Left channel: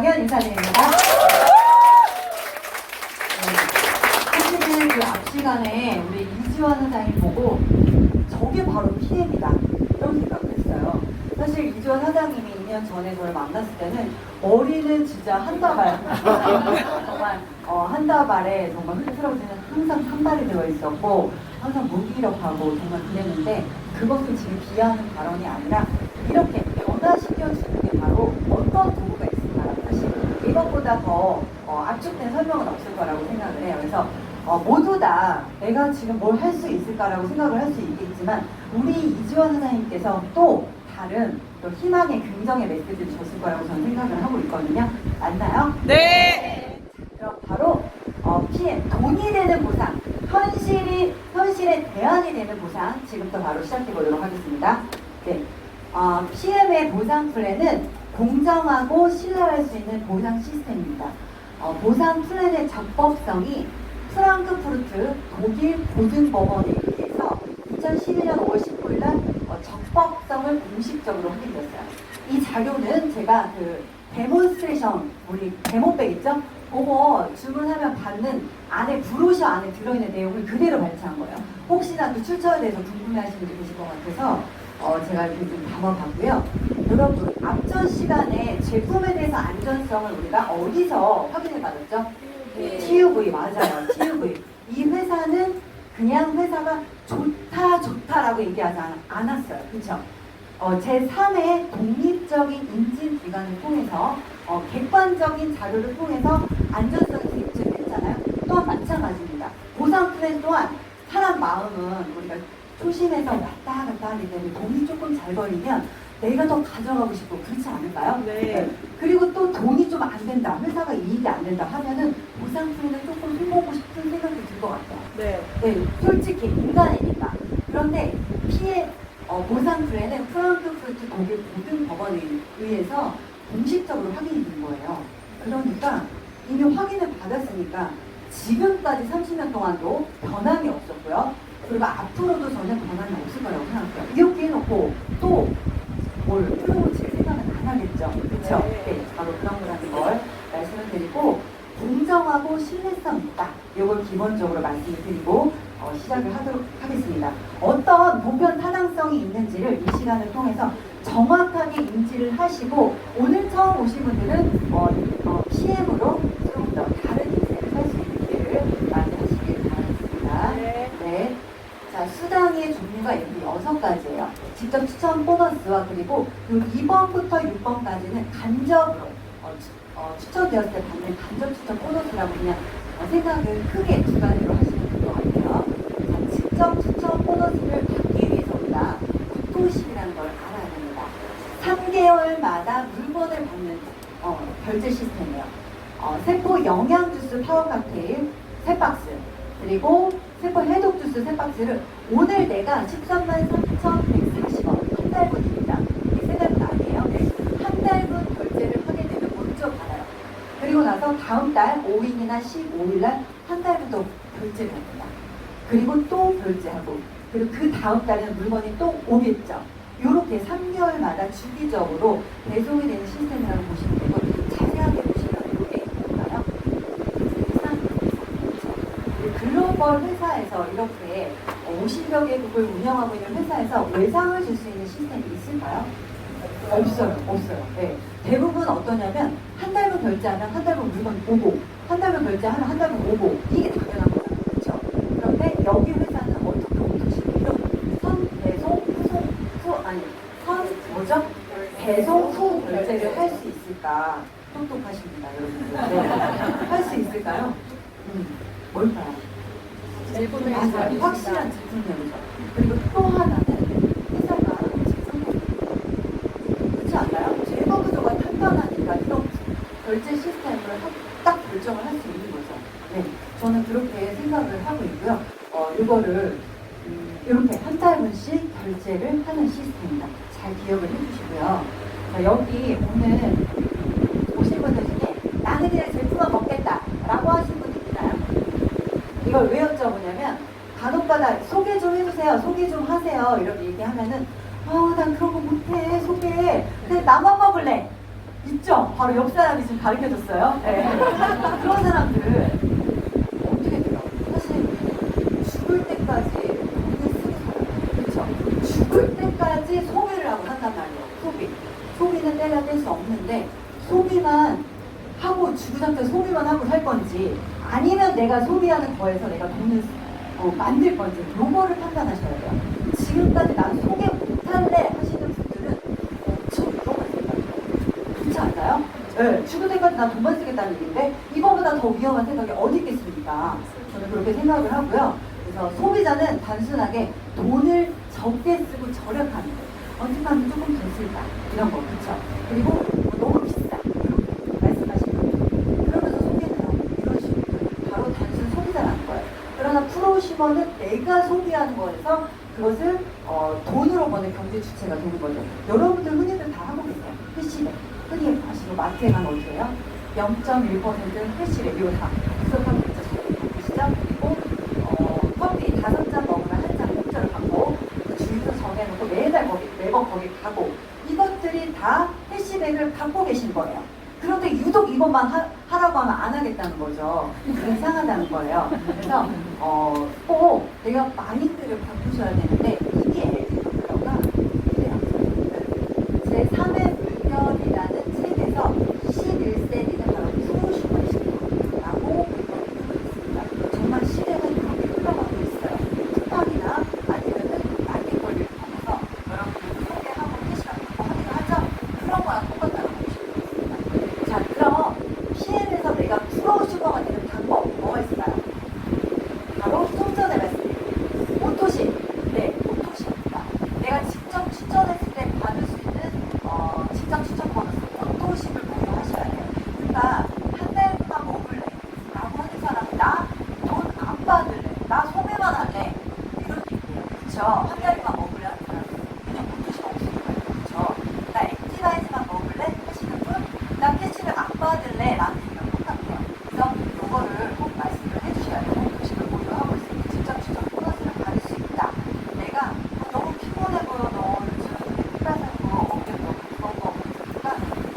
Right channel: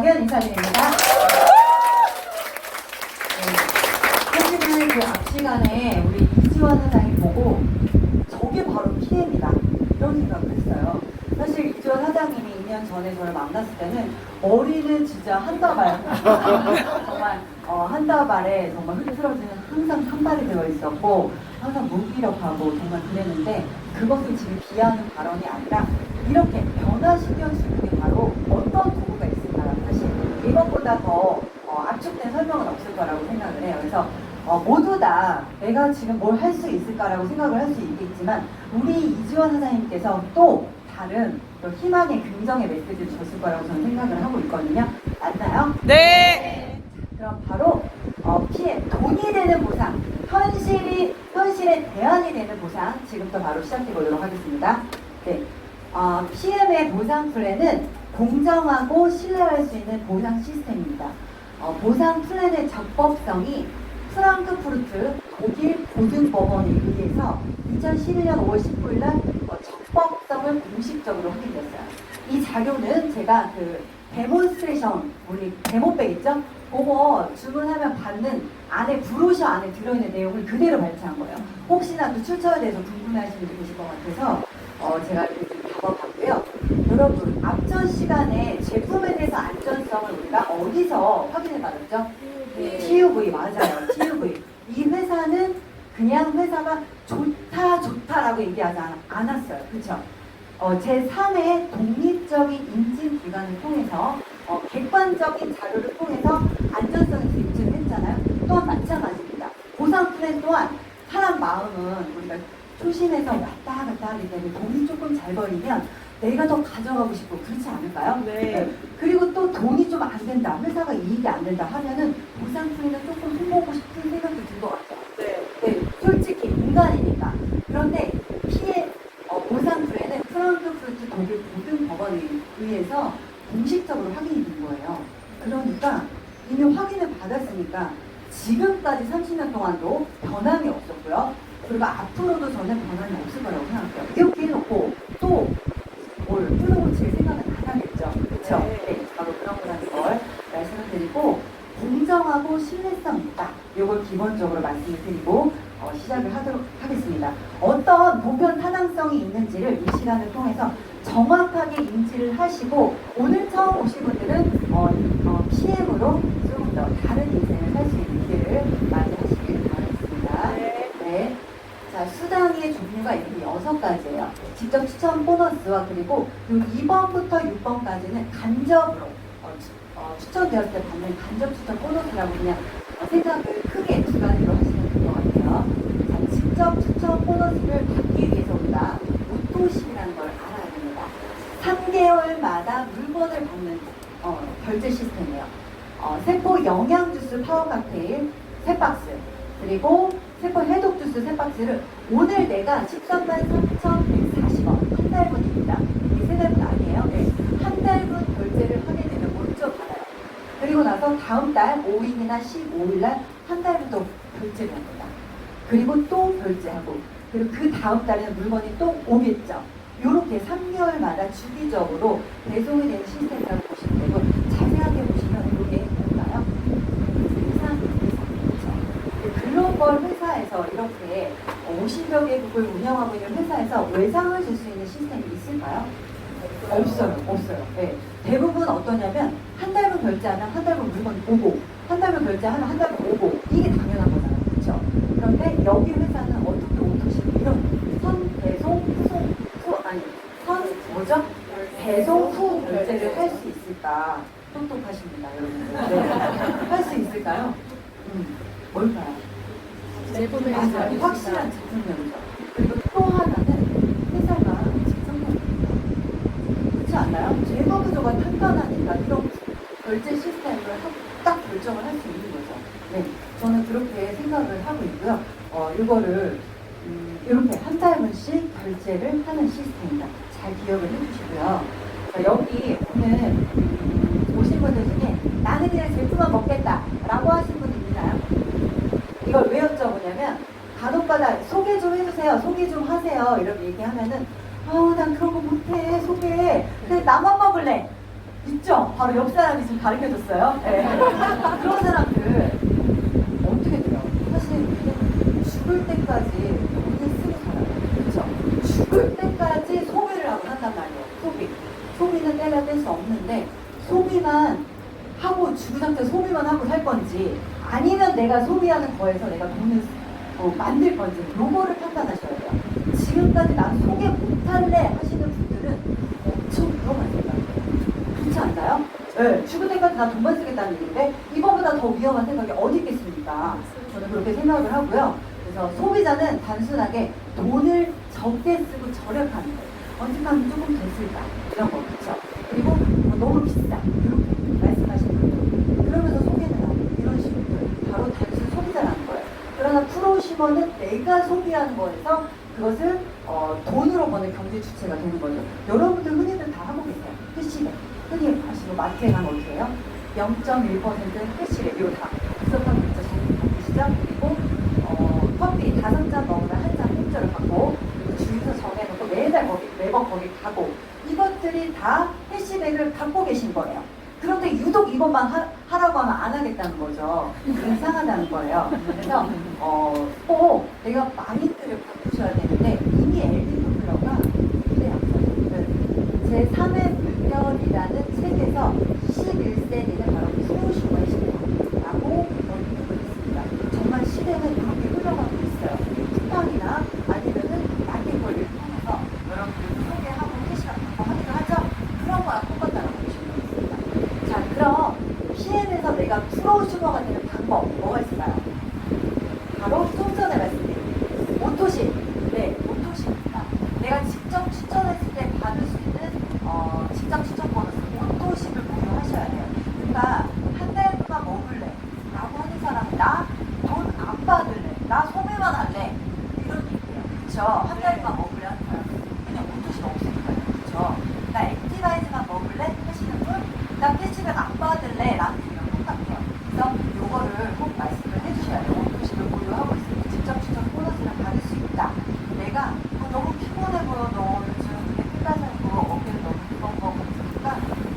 정연 인사드립니다. 사실은 그 앞 시간에 우리 이지원 사장님 보고 저게 바로 PM이다 이런 생각을 했어요. 사실 이지원 사장님이 2년 전에 저를 만났을 때는 머리는 진짜 한다발 정말 한다발에 정말 흐트러지는 항상 산발이 되어 있었고 항상 무기력하고 정말 그랬는데 그것을 지금 비하하는 발언이 아니라 이렇게 변화시켜주는 게 바로 어떤 도구가 있을까. 사실 이것보다 더 압축된 설명은 없을 거라고 생각을 해요. 그래서 모두 다 내가 지금 뭘 할 수 있을까라고 생각을 할 수 있겠지만 우리 이지원 사장님께서 또 다른 또 희망의 긍정의 메시지를 줬을 거라고 저는 생각을 하고 있거든요. 맞나요? 네. 그럼 바로 PM, 돈이 되는 보상, 현실의 대안이 되는 보상 지금부터 바로 시작해 보도록 하겠습니다. 네, PM의 보상 플랜은 공정하고 신뢰할 수 있는 보상 시스템입니다. 보상 플랜의 적법성이 프랑크푸르트 독일 보증법원에 의해서 2012년 5월 19일 날 적법성을 공식적으로 확인됐어요. 이 자료는 제가 그 데몬스트레이션, 우리 데모백 있죠? 그거 주문하면 받는 안에 브로셔 안에 들어있는 내용을 그대로 발췌한 거예요. 혹시나 그 출처에 대해서 궁금해하시는 분이 계실 것 같아서 제가 이렇게 좀 잡아봤고요. 여러분, 앞전 시간에 제품에 대해서 안전성을 우리가 어디서 확인을 받았죠? TUV, 맞아요. TUV. 이 회사는 그냥 회사가 좋다라고 얘기하지 않았어요. 그렇죠? 제3의 독립적인 인증 기관을 통해서 객관적인 자료를 통해서 안전성을 입증했잖아요. 또한 마찬가지입니다. 보상 플랜 또한 사람 마음은 우리가 초심에서 왔다 갔다 하기 때문에 돈이 조금 잘 벌리면 내가 더 가져가고 싶고 그렇지 않을까요? 네. 그리고 또 돈이 좀 안 된다, 회사가 이익이 안 된다 하면은 보상 플랜을 조금 해보고 싶은 생각이 들 것 같아요. 네. 솔직히 인간이니까. 그런데 보상 플랜은 프랑크푸르트 독일 보증법원에 의해서 공식적으로 확인이 된 거예요. 그러니까 이미 확인을 받았으니까 지금까지 30년 동안도 변함이 없었고요. 그리고 앞으로도 전혀 변함이 없을 거라고 생각해요. 이렇게 해놓고 또 뭘 풀어고칠 생각은 안 하겠죠. 그렇죠? 네, 바로 그런 거라는 걸 말씀을 드리고 공정하고 신뢰성 있다. 이걸 기본적으로 말씀을 드리고 시작을 하도록 하겠습니다. 어떤 보편 타당성이 있는지를 이 시간을 통해서 정확하게 인지를 하시고 오늘 처음 오신 분들은 PM으로 좀 더 다른 인생을 살 수 있는 기회를 마련하시길 바라겠습니다. 네. 자, 수당의 종류가 이렇게 6가지예요. 직접 추천 보너스와 그리고 2번부터 6번까지는 간접으로 추천되었을 때 받는 간접 추천 보너스라고 그냥 생각을 크게 주관으로 하시면 될 것 같아요. 자, 직접 추천 보너스를 받기 위해서 우리가 우토식이라는 걸 알아야 됩니다. 3개월마다 물건을 받는 결제 시스템이에요. 세포 영양주스 파워 칵테일 3박스 그리고 세포 해독 주스 3박스를 오늘 내가 133,140원 한 달분입니다. 이게 3달분 아니에요. 한 달분 결제를 하게 되면 먼저 받아요. 그리고 나서 다음 달 5일이나 15일 날 한 달분도 결제를 합니다. 그리고 또 결제하고 그리고 그 다음 달에는 물건이 또 오겠죠. 이렇게 3개월마다 주기적으로 배송이 되는 시스템이라고 보시면 되고 자세하게 보시면 이게 뭔가요? 글로벌 회사에서 이렇게 50여 개국을 운영하고 있는 회사에서 외상을 줄 수 있는 시스템이 있을까요? 없어요. 네. 대부분 어떠냐면 한 달분 결제하면 한 달분 물건이 오고 한 달분 결제하면 한 달분 오고 이게 당연한 거잖아요. 그렇죠? 그런데 여기 회사는 어떻게 배송 후 결제를 할 수 있을까? 똑똑하십니다, 여러분들. 네. 할 수 있을까요? 뭘까요? 맞아요. 확실한 제품명이죠. 그리고 또 하나는 회사가 하는 직성명입니다. 그렇지 않나요? 제휴구조가 탄탄하니까 이런 결제 시스템을 딱 결정을 할 수 있는 거죠. 네, 저는 그렇게 생각을 하고 있고요. 이거를 이렇게 한 달분씩 결제를 하는 시스템입니다. 잘 기억을 해주시고요. 여기 오늘 오신 분들 중에 나는 그냥 제품만 먹겠다 라고 하신 분들 있나요? 이걸 왜 여쭤보냐면 간혹가다 소개 좀 해주세요. 소개 좀 하세요. 이렇게 얘기하면은 난 그런 거 못해. 소개. 근데 나만 먹을래. 있죠? 바로 옆 사람이 지금 가르쳐줬어요. 네. 그런 사람들 어떻게 돼요? 사실 우리는 죽을 때까지 돈을 쓰고 살아요. 그렇죠? 죽을 때까지 소비를 하고 산단 말이에요. 소비는 때가 뗄 수 없는데 소비만 하고 죽은 상태 소비만 하고 살 건지 아니면 내가 소비하는 거에서 내가 돈을 만들 건지 요거를 판단하셔야 돼요. 지금까지 난 소개 못할래 하시는 분들은 엄청 위험한 생각이에요. 그렇지 않나요? 네, 죽을 때까지 난 돈만 쓰겠다는 얘기인데 이거보다 더 위험한 생각이 어디 있겠습니까? 저는 그렇게 생각을 하고요. 그래서 소비자는 단순하게 돈을 적게 쓰고 절약하는 거예요. 언젠가는 조금 더 쓸까 이런 거 그렇죠? 그리고 너무 비싸 이렇게 말씀하시는 거예요. 그러면서 소비는 안 이런 식으로 바로 단순 소비자라는 거예요. 그러나 프로시머는 내가 소비하는 거에서 그것을 돈으로 버는 경제 주체가 되는 거죠. 여러분들 흔히들 다 하고 계세요. 캐시백. 흔히 하시고 마트에 가면 어떻게 해요? 0.1% 캐시백. 이거 다 구성하고 있으시죠? 그리고 커피 5잔 먹으면 1잔 공짜로 받고 주유소 정해놓고 매번 거기 가고 이것들이 다 캐시백을 갖고 계신 거예요. 그런데 유독 이것만 하라고 하면 안 하겠다는 거죠. 이상하다는 거예요. 그래서 꼭 내가 마인드를 바꾸셔야 되는데 이게 엘리 커플러가 제3의 불변이라는 책에서 21세기는 바로 프로슈머시라고 여기는 있습니다. 정말 시대는 이렇게 흘러가고 있어요. 틱톡이나 아니면은 마켓거리를 통해서 여러분들이 소개하고 계시라고 하긴 하죠. 그런 거랑 똑같다고 보시면 됩니다. 자, 그럼 PN에서 내가 프로슈머가 되는 방법 뭐가 있을까요? 바로 좀 전에 말씀드린 오토십. 네, 오토십입니다. 내가 직접 추천했을 때 받을 수 있는 직접 추천 번호 오토십을活用하셔야 돼요. 그러니까 한 달만 먹을래 라고 하는 사람은 나 돈 안 받을래, 나 소매만 할래 이런 얘기예요. 그쵸? 한 달만 먹을래 하는 사람 그냥 오토십 없으니까 그쵸? 나 액티바이즈만 먹을래 하시는 분, 나 캐시백 안 받을래 라는 얘기가 똑같아요. 그래서 그거를 꼭 말씀을 해주셔야 돼요. 오토십을 보유하고 있으니 직접 추천 보너스를 받을 수 있다. 내가 너무 피곤해 보여도 요즘 혼자서도 어깨도 무거운 거 먹으니까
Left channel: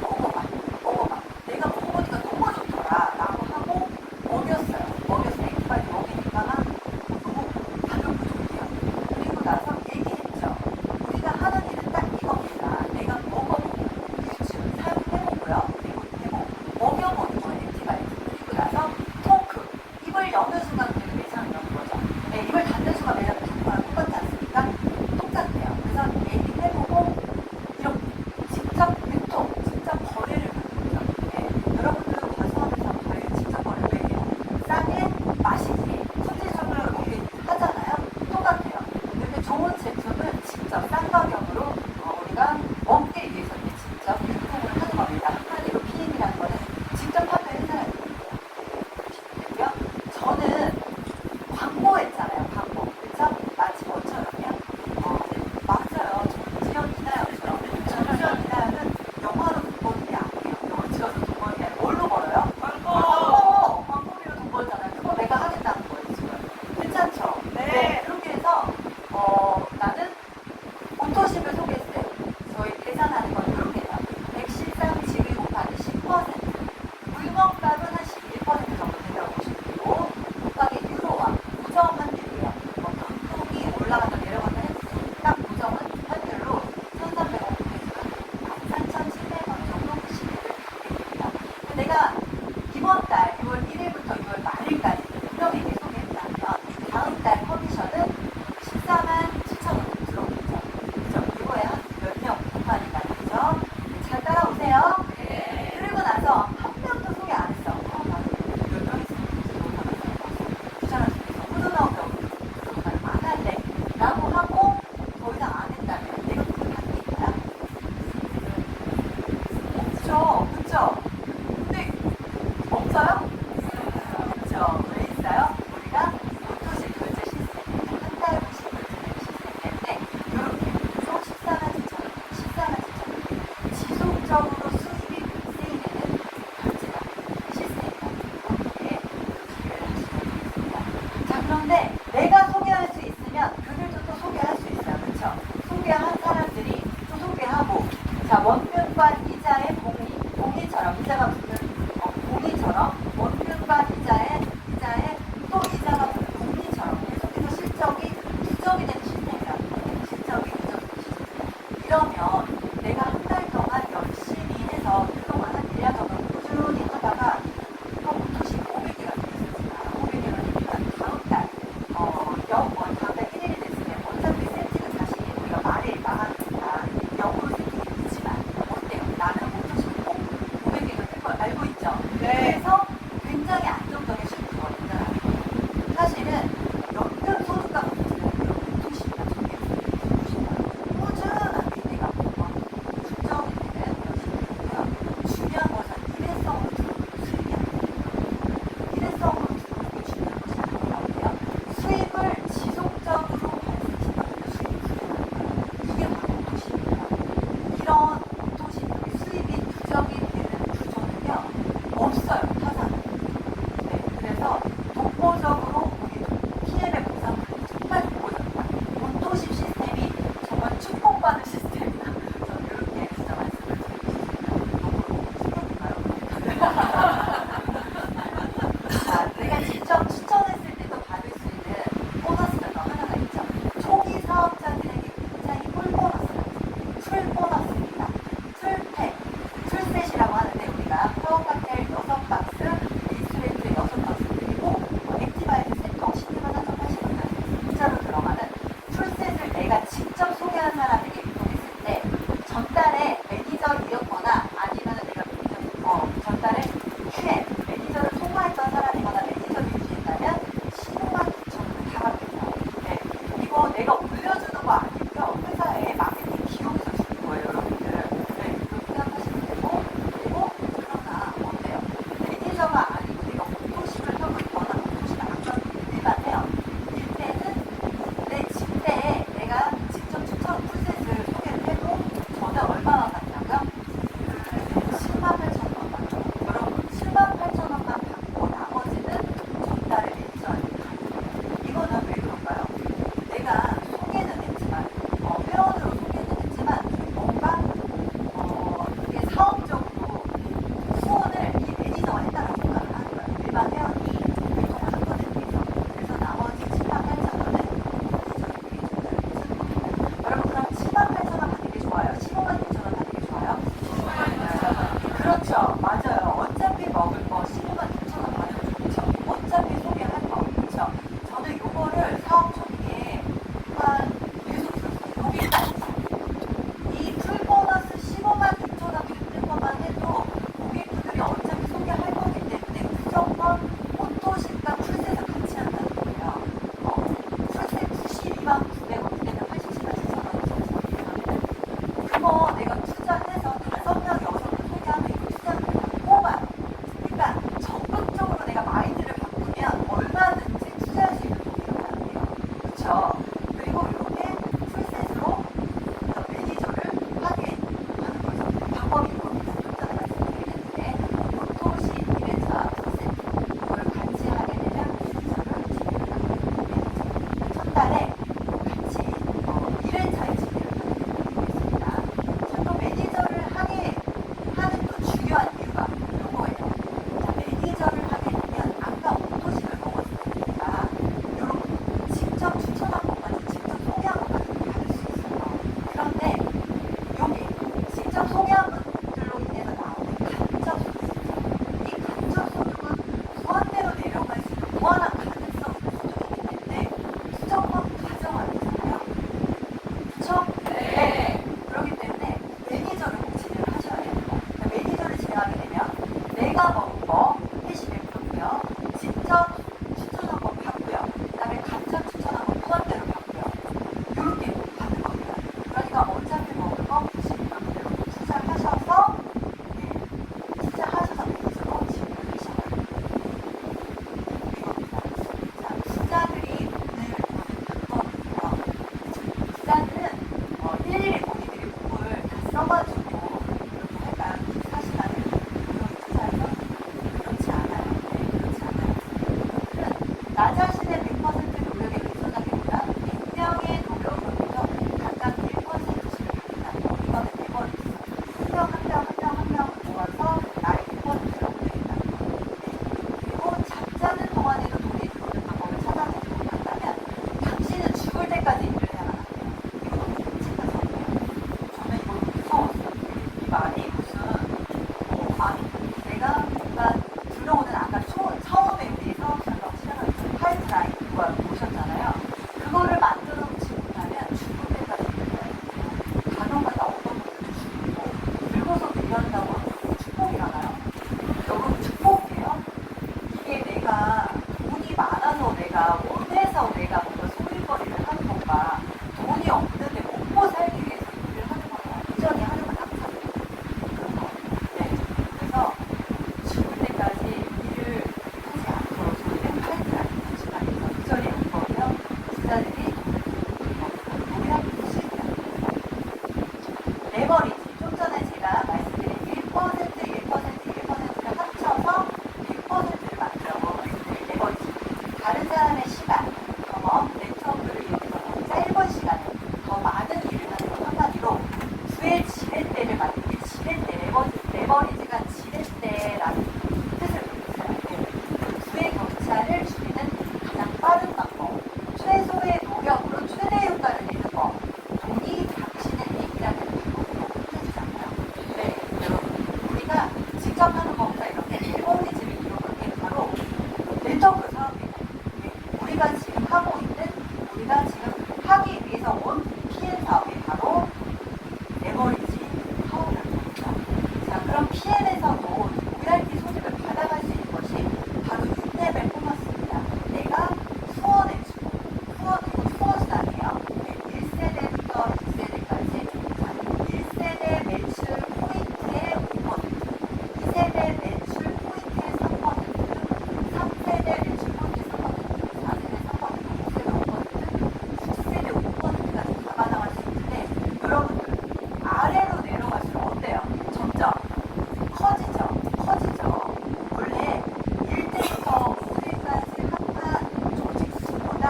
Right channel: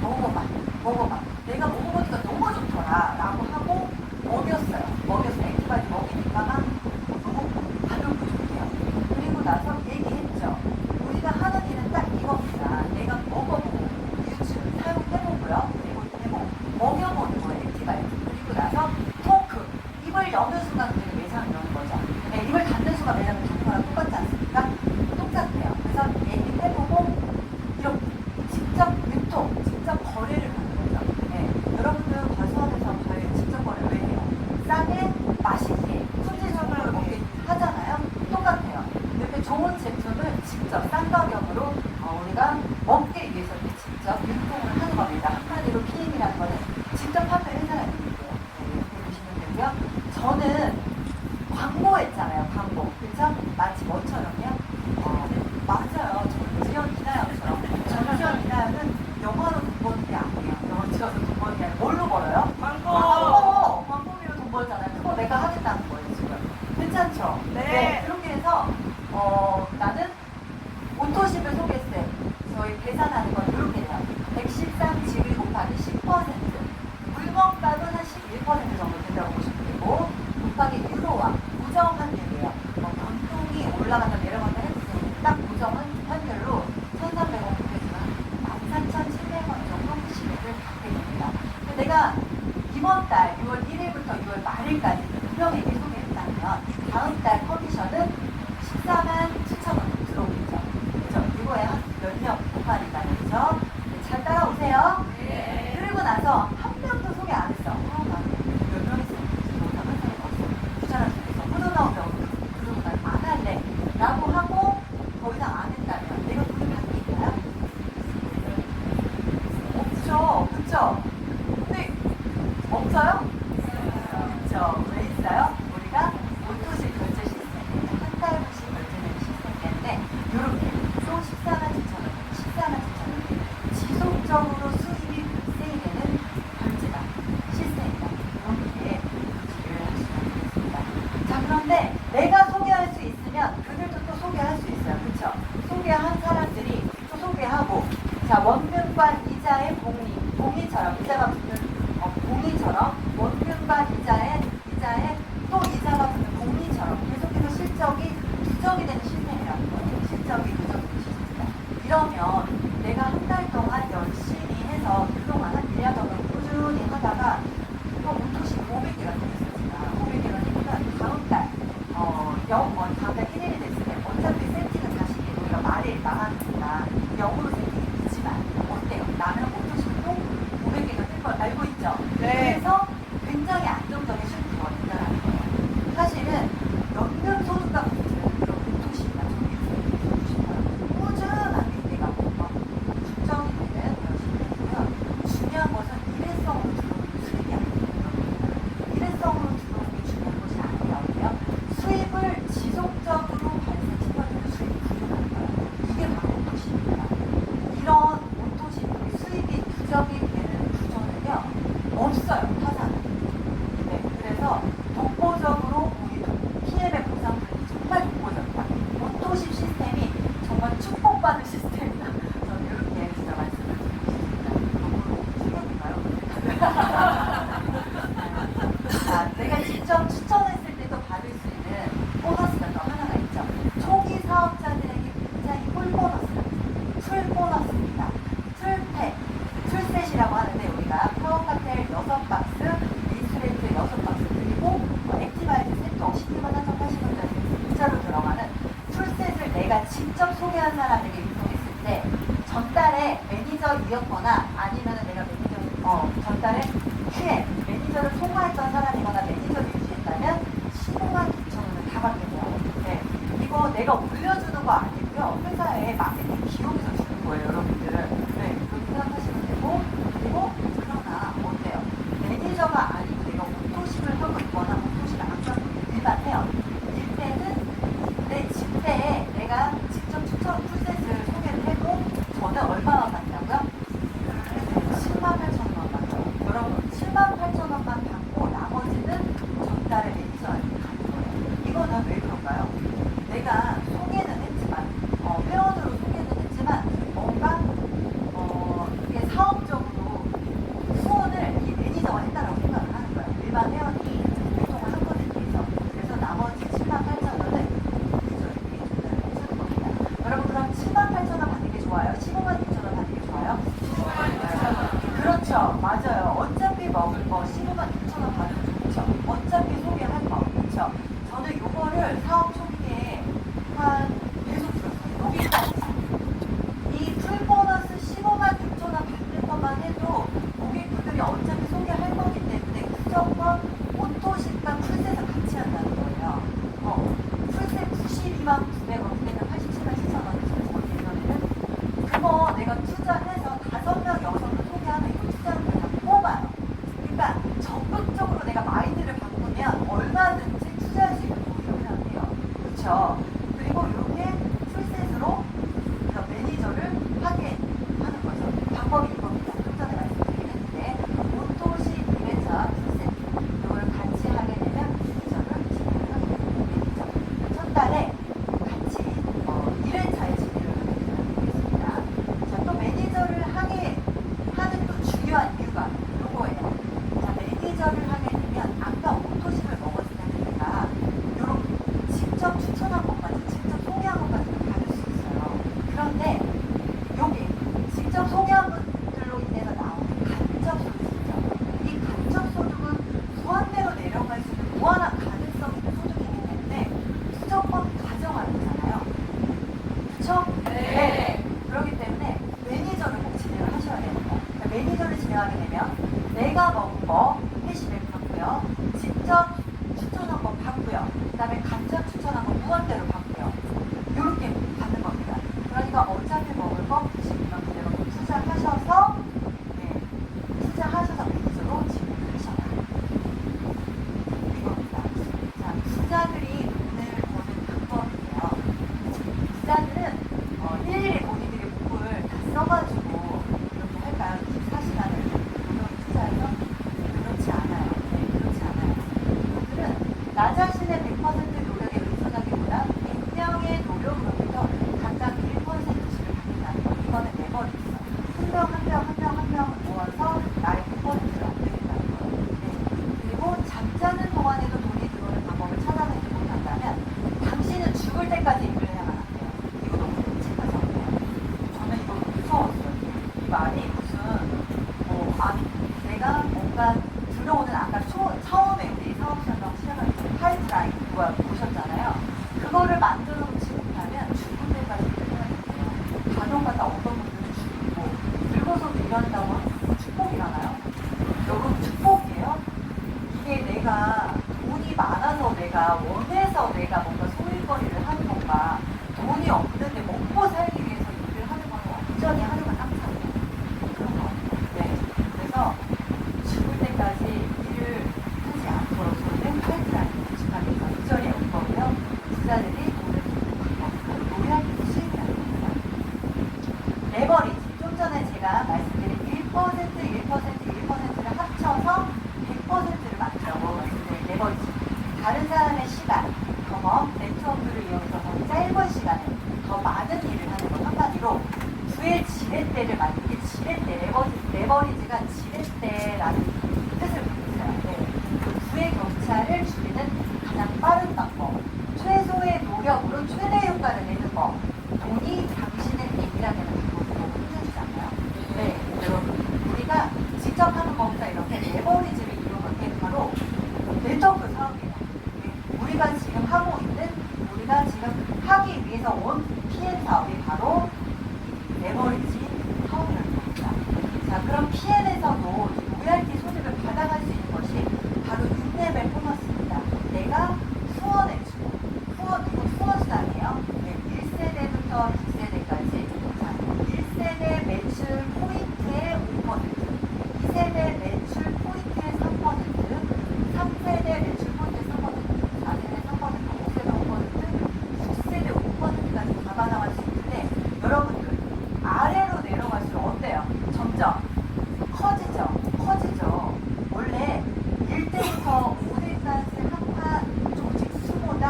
먹어봐. 내가 먹어보니까 너무 좋더라 라고 하고 먹였어요. 먹여서 액티바이즈 먹으니까 너무 반응 부족해요. 그리고 나서 얘기했죠. 우리가 하는 일은 딱 이겁니다. 내가 먹어보고 유튜브 사용해보고요. 그리고 먹여보는 거예요. 액티바이즈. 그리고 나서 토크. 입을 여는 순간 우리가 매장을 여는 거죠. 네, 입을 닫는 순간 매장을 여는 거랑 똑같지 않습니까? 똑같아요. 그래서 얘기해보고 이렇게 직접 유통, 직접 거래를 하는 거죠. 네, 여러분들은 과수하면서 저희 직접 거래를 해요. 싸게, 맛있게, 순진선으로 이렇게 하잖아요. 똑같아요. 그리고 좋은 제품을 직접 싼 가격으로 우리가 먹기 위해서 직접 유통을 하는 겁니다. 한마디로 PM이라는 거는 직접 판매를 해놔야 되는 거예요. 보시면 되고요. 저는 광고했잖아요. 광고. 그쵸? 마치 뭐처럼요? 맞아요. 정지현 이나영처럼. 정지현 이나영은 영화로 돈 버는 게 아니에요. 영화 찍어서 돈 버는 게 아니라 뭘로 벌어요? 광고비로 돈 벌잖아요. 그거 내가 하겠다는 거예요, 지금. 괜찮죠? 네. 그렇게 해서, 나는 오토십을 소개했을 때, 저희 계산하는 건 이렇게 해요. 113 지위 곱하기 10%. 물건값은 한 11% 정도 된다고 보시면 되고, 곱하기 유로와 고정은 되고요. 단품이 올라가다 내려가다 해도 딱 고정은 현재로 1,300원 되겠지만 13,700원 정도 시급을 받게 됩니다. 내가 이번 달 6월 1일부터 6월 말일까지 분명히 소개했다면 다음 달 커미션은 14만 7천원 들어오겠죠. 그죠? 이거에 몇 명 곱하니까 그죠? 잘 따라오세요. 그리고 나서 한 명도 소개 안 했어. 나는 몇 명 있어. 추천할 수 있어. 호전하고 그런 말안 할래. 라고 하고 더 이상 안 했다면 내가 그걸 하는 게 있나요? 없죠. 그쵸? 근데 없어요? 그쵸. 왜 있어요? 우리가 오토식 결제 시스템, 한 달씩 결제되는 시스템인데 이렇게 총 14만 7천 지속적으로 수입이 발생되는 결제가 시스템이다. 이렇게 유지를 하시면 됩니다. 자, 그런데 내가 소개할 수 있으면 그들도 또 소개할 수 있어요. 그쵸? 소개한 사람들이 또 소개하고 자, 원금과 이자의 복리 있죠. 네. 그래서 굉장히 안정적이신 거거든요. 사실은 연금 소득과 문제는 도시가 꾸준한 우리가 긍정이 되는 것이고요. 중요한 것은 일회성으로 들어오는 수익이 아니에요. 일회성으로 들어오는 게 중요한 것이 아니라고요. 수입을 지속적으로 발생시켜주는 수익이 필요해요. 이게 바로 도시입니다. 이런 도시들의 수익이 누적이 되는 구조는요 없어요. 타사는. 네, 그래서 독보적으로 우리는 PM의 보상이 정말 독보적이다. 온도식 시스템이 정말 축복받은 시스템이다. 저는 이렇게 진짜 말씀을 드리고 싶습니다. 내가 직접 추천했을 때도 받을 수 있는 보너스가 또 하나가 있죠. 초기 사업자들에게 굉장히 꿀보너스가 있어요. 풀보너스입니다. 풀팩, 풀셋이라고 하는데 우리가 파워카텔 6박스, 인스트레이트 6박스 그리고 액티바이트 세터 10kg 탄성하시는 문자로 들어가는 풀셋을 내가 직접 소개한 사람에게 유통했을 때 전달에 매니저이었거나 아니면 내가 전달에 QM, 매니저를 통화했던 사람이거나 매니저를 유지했다면 15만 9천 원을 다 받겠네요. 네. 이거 내가 올려주는 거 아니고요. 회사에 마케팅 기록에서 주는 거예요, 여러분들. 네, 그렇게 생각하시면 되고, 그리고 그러나 어때요? 매니저가 아니고 내가 공통식을 하고 있거나 공통식 안 하고 일반해요. 이때는 내 집대에 내가 직접 추천 풀셋을 소개를 해도 저는 얼마나 받냐고요? 10만 8천 원 받아요. 여러분, 7만 8천 원만 받고 나머지는 전달에 매니저한테 가는 거예요. 이거는 왜 그럴까요? 내가 소개는 했지만, 회원으로 소개는 했지만, 뭔가, 이게 사업적으로 후원을 이 매니저가 했다고 생각을 하는 거예요. 일반 회원이 활동을 한 것에 비해서. 그래서 나머지 7만 8천 원은 여러분, 그럼 7만 8천 원 받는 게 좋아요? 15만 9천 원 받는 게 좋아요? 그렇죠. 맞아요. 어차피 먹을 거 15만 6천 원 받으면 좋죠. 어차피 소개할 거. 그렇죠. 저는 요거를 사업 초기에 한 계속 들었어요. 여기가 이 풀보너스 15만 6천 원 받는 것만 해도 고객분들이 어차피 소개할 거기 때문에 무조건 온도식과 풀셋을 같이 한다는 거예요. 풀셋 92만 900원, 그때는 87만 7천 원 그거 내가 투자해서 5명, 6명 소개하면 이거 투자를 내가 뽑아요. 그러니까 적극적으로 내가 마인드를 바꾸면 얼마든지 투자할 수 있는 거거든요. 그렇죠? 그리고 이렇게 풀셋으로 매니저를 하게 하는 거죠. 방법이 이겁니다. 전에 말씀드리는데 보통식 이회차 풀셋 이걸 같이 하게 되면 매니저를 진행합니다. 첫 달에 같이 1회차에 진행을 하게 되겠습니다. 또 매니저를 하게 하는 그 중요한 이유가 이거예요. 자, 매니저를 하게 되면 아까 오토식을 먹었으니까 여러분 직접 추천한 것까지 직접 소개한 것까지 받을 수 있어요. 그런데 여기 직접 소개한 분들로 인해서 나오는 간접 소득, 이 간접 소득은 무한대로 내려갈 수 있는 무한한 가능성이 있는 소득이기 때문에 무조건 가정을 하잖아요. 그렇죠? 네. 그렇기 때문에 매니저를 꼭 진행을 하셔야 됩니다. 그러니까 매니저를 진행하게 되면 내가 먹은 거 회식을 받고요. 직접 추천한 거 받고요. 그 다음에 간접 추천한 거 무한대로 받고요. 이렇게 받는 겁니다. 그러니까 어차피 먹을 거 회식을 받고요. 투자하셔서 투자하셔서 매니저로 진행하셔야 됩니다. 이겁니다. 자, 투자들이 오늘 봤거든요. 기자들은 일일이 본인들이 공부를 다 써가지고 이렇게 할까요? 사실은 이런 투자는 그렇지 않아요. 네, 그렇지 않아요. 오늘은 나 자신의 100% 노력에 의존하기보다 100명의 노력으로부터 각각 1%씩을 받는다. 이거는 대본이 있어요. 한 명 모아서 나의 1%를 얻겠다. 그리고 잠자는 동안에도 돈이 들어오는 방법을 찾아내고 한다면 당신은 죽을 때까지 일을 해야만 합니다. 이거 너무 미치겠어요. 저는 이거 무서웠어요. 이 말이 무슨 내가 뭔가 들어오는 아까 처음에 우리 사업자가 시작할 때 파이프라인 누가 보셨잖아요. 그거를 만들어 놓지 못하면 죽을 때까지 일을 해야 돼요. 간혹마다 어떤 분들이 죽이고 늙어서 일한다고 하는 게 축복이라나요? 여러분 내가 원해서 내가 뭔가 소일거리를 하는 건가, 돈이 없는데 먹고 살기 위해서 일을 하는 건가, 이전에 하는 건 항상 네. 그래서 죽을 때까지 일을 하지 않고 저희는 팔자 시간에서 이전에 온 거고요. 기자들이 노래하기 싫다. 레버리지. 좀 전에 제가 말씀드린 1%를 합쳐서 1%를 만들려고 했어요. 레버리지. 다른 사람의 시간, 경험, 네트워크를 이용해서 더 짧은 시간에 더 많은 일을 하는 것 한마디로 수의 지렛대를 만들 때 지렛대, 레버리지가 지렛대라는 뜻을 의미하는데 수의 격차를 줄이는 가장 빠른 방법, 최소의 노력으로 최대 효과를 내는 법. 돈이 당신의 돈이라는 것을 너무 힘들잖아요. 네, 여러분. 우리가 직접 하는 법과 이렇게 레버리지를 이용할 때 바로 네트워크 사업입니다. 우리가 지금 하고 있는, 우리가 지금 하기 위해서 온 PN 사업이 바로 레버리지 사업입니다. 자, 그럼 PN에서도 VIP 소득을 받아갈 수 있는 것이 바로 6레벨 보너스입니다. 내가 수원수단이에요. 1세대부터 2세대까지. 자, 1세대 매출 포인트의 5%, 2세대 매출 포인트의 3%, 3세대 매출 포인트의 3%, 4세대 3%, 5세대 5%, 10세대 5%까지 받아갈 수 있는데, 여러분들 아래로 내려갈수록 어때요? 점점 커지죠. 원래 1대부터 5대까지 한파 조직 수보다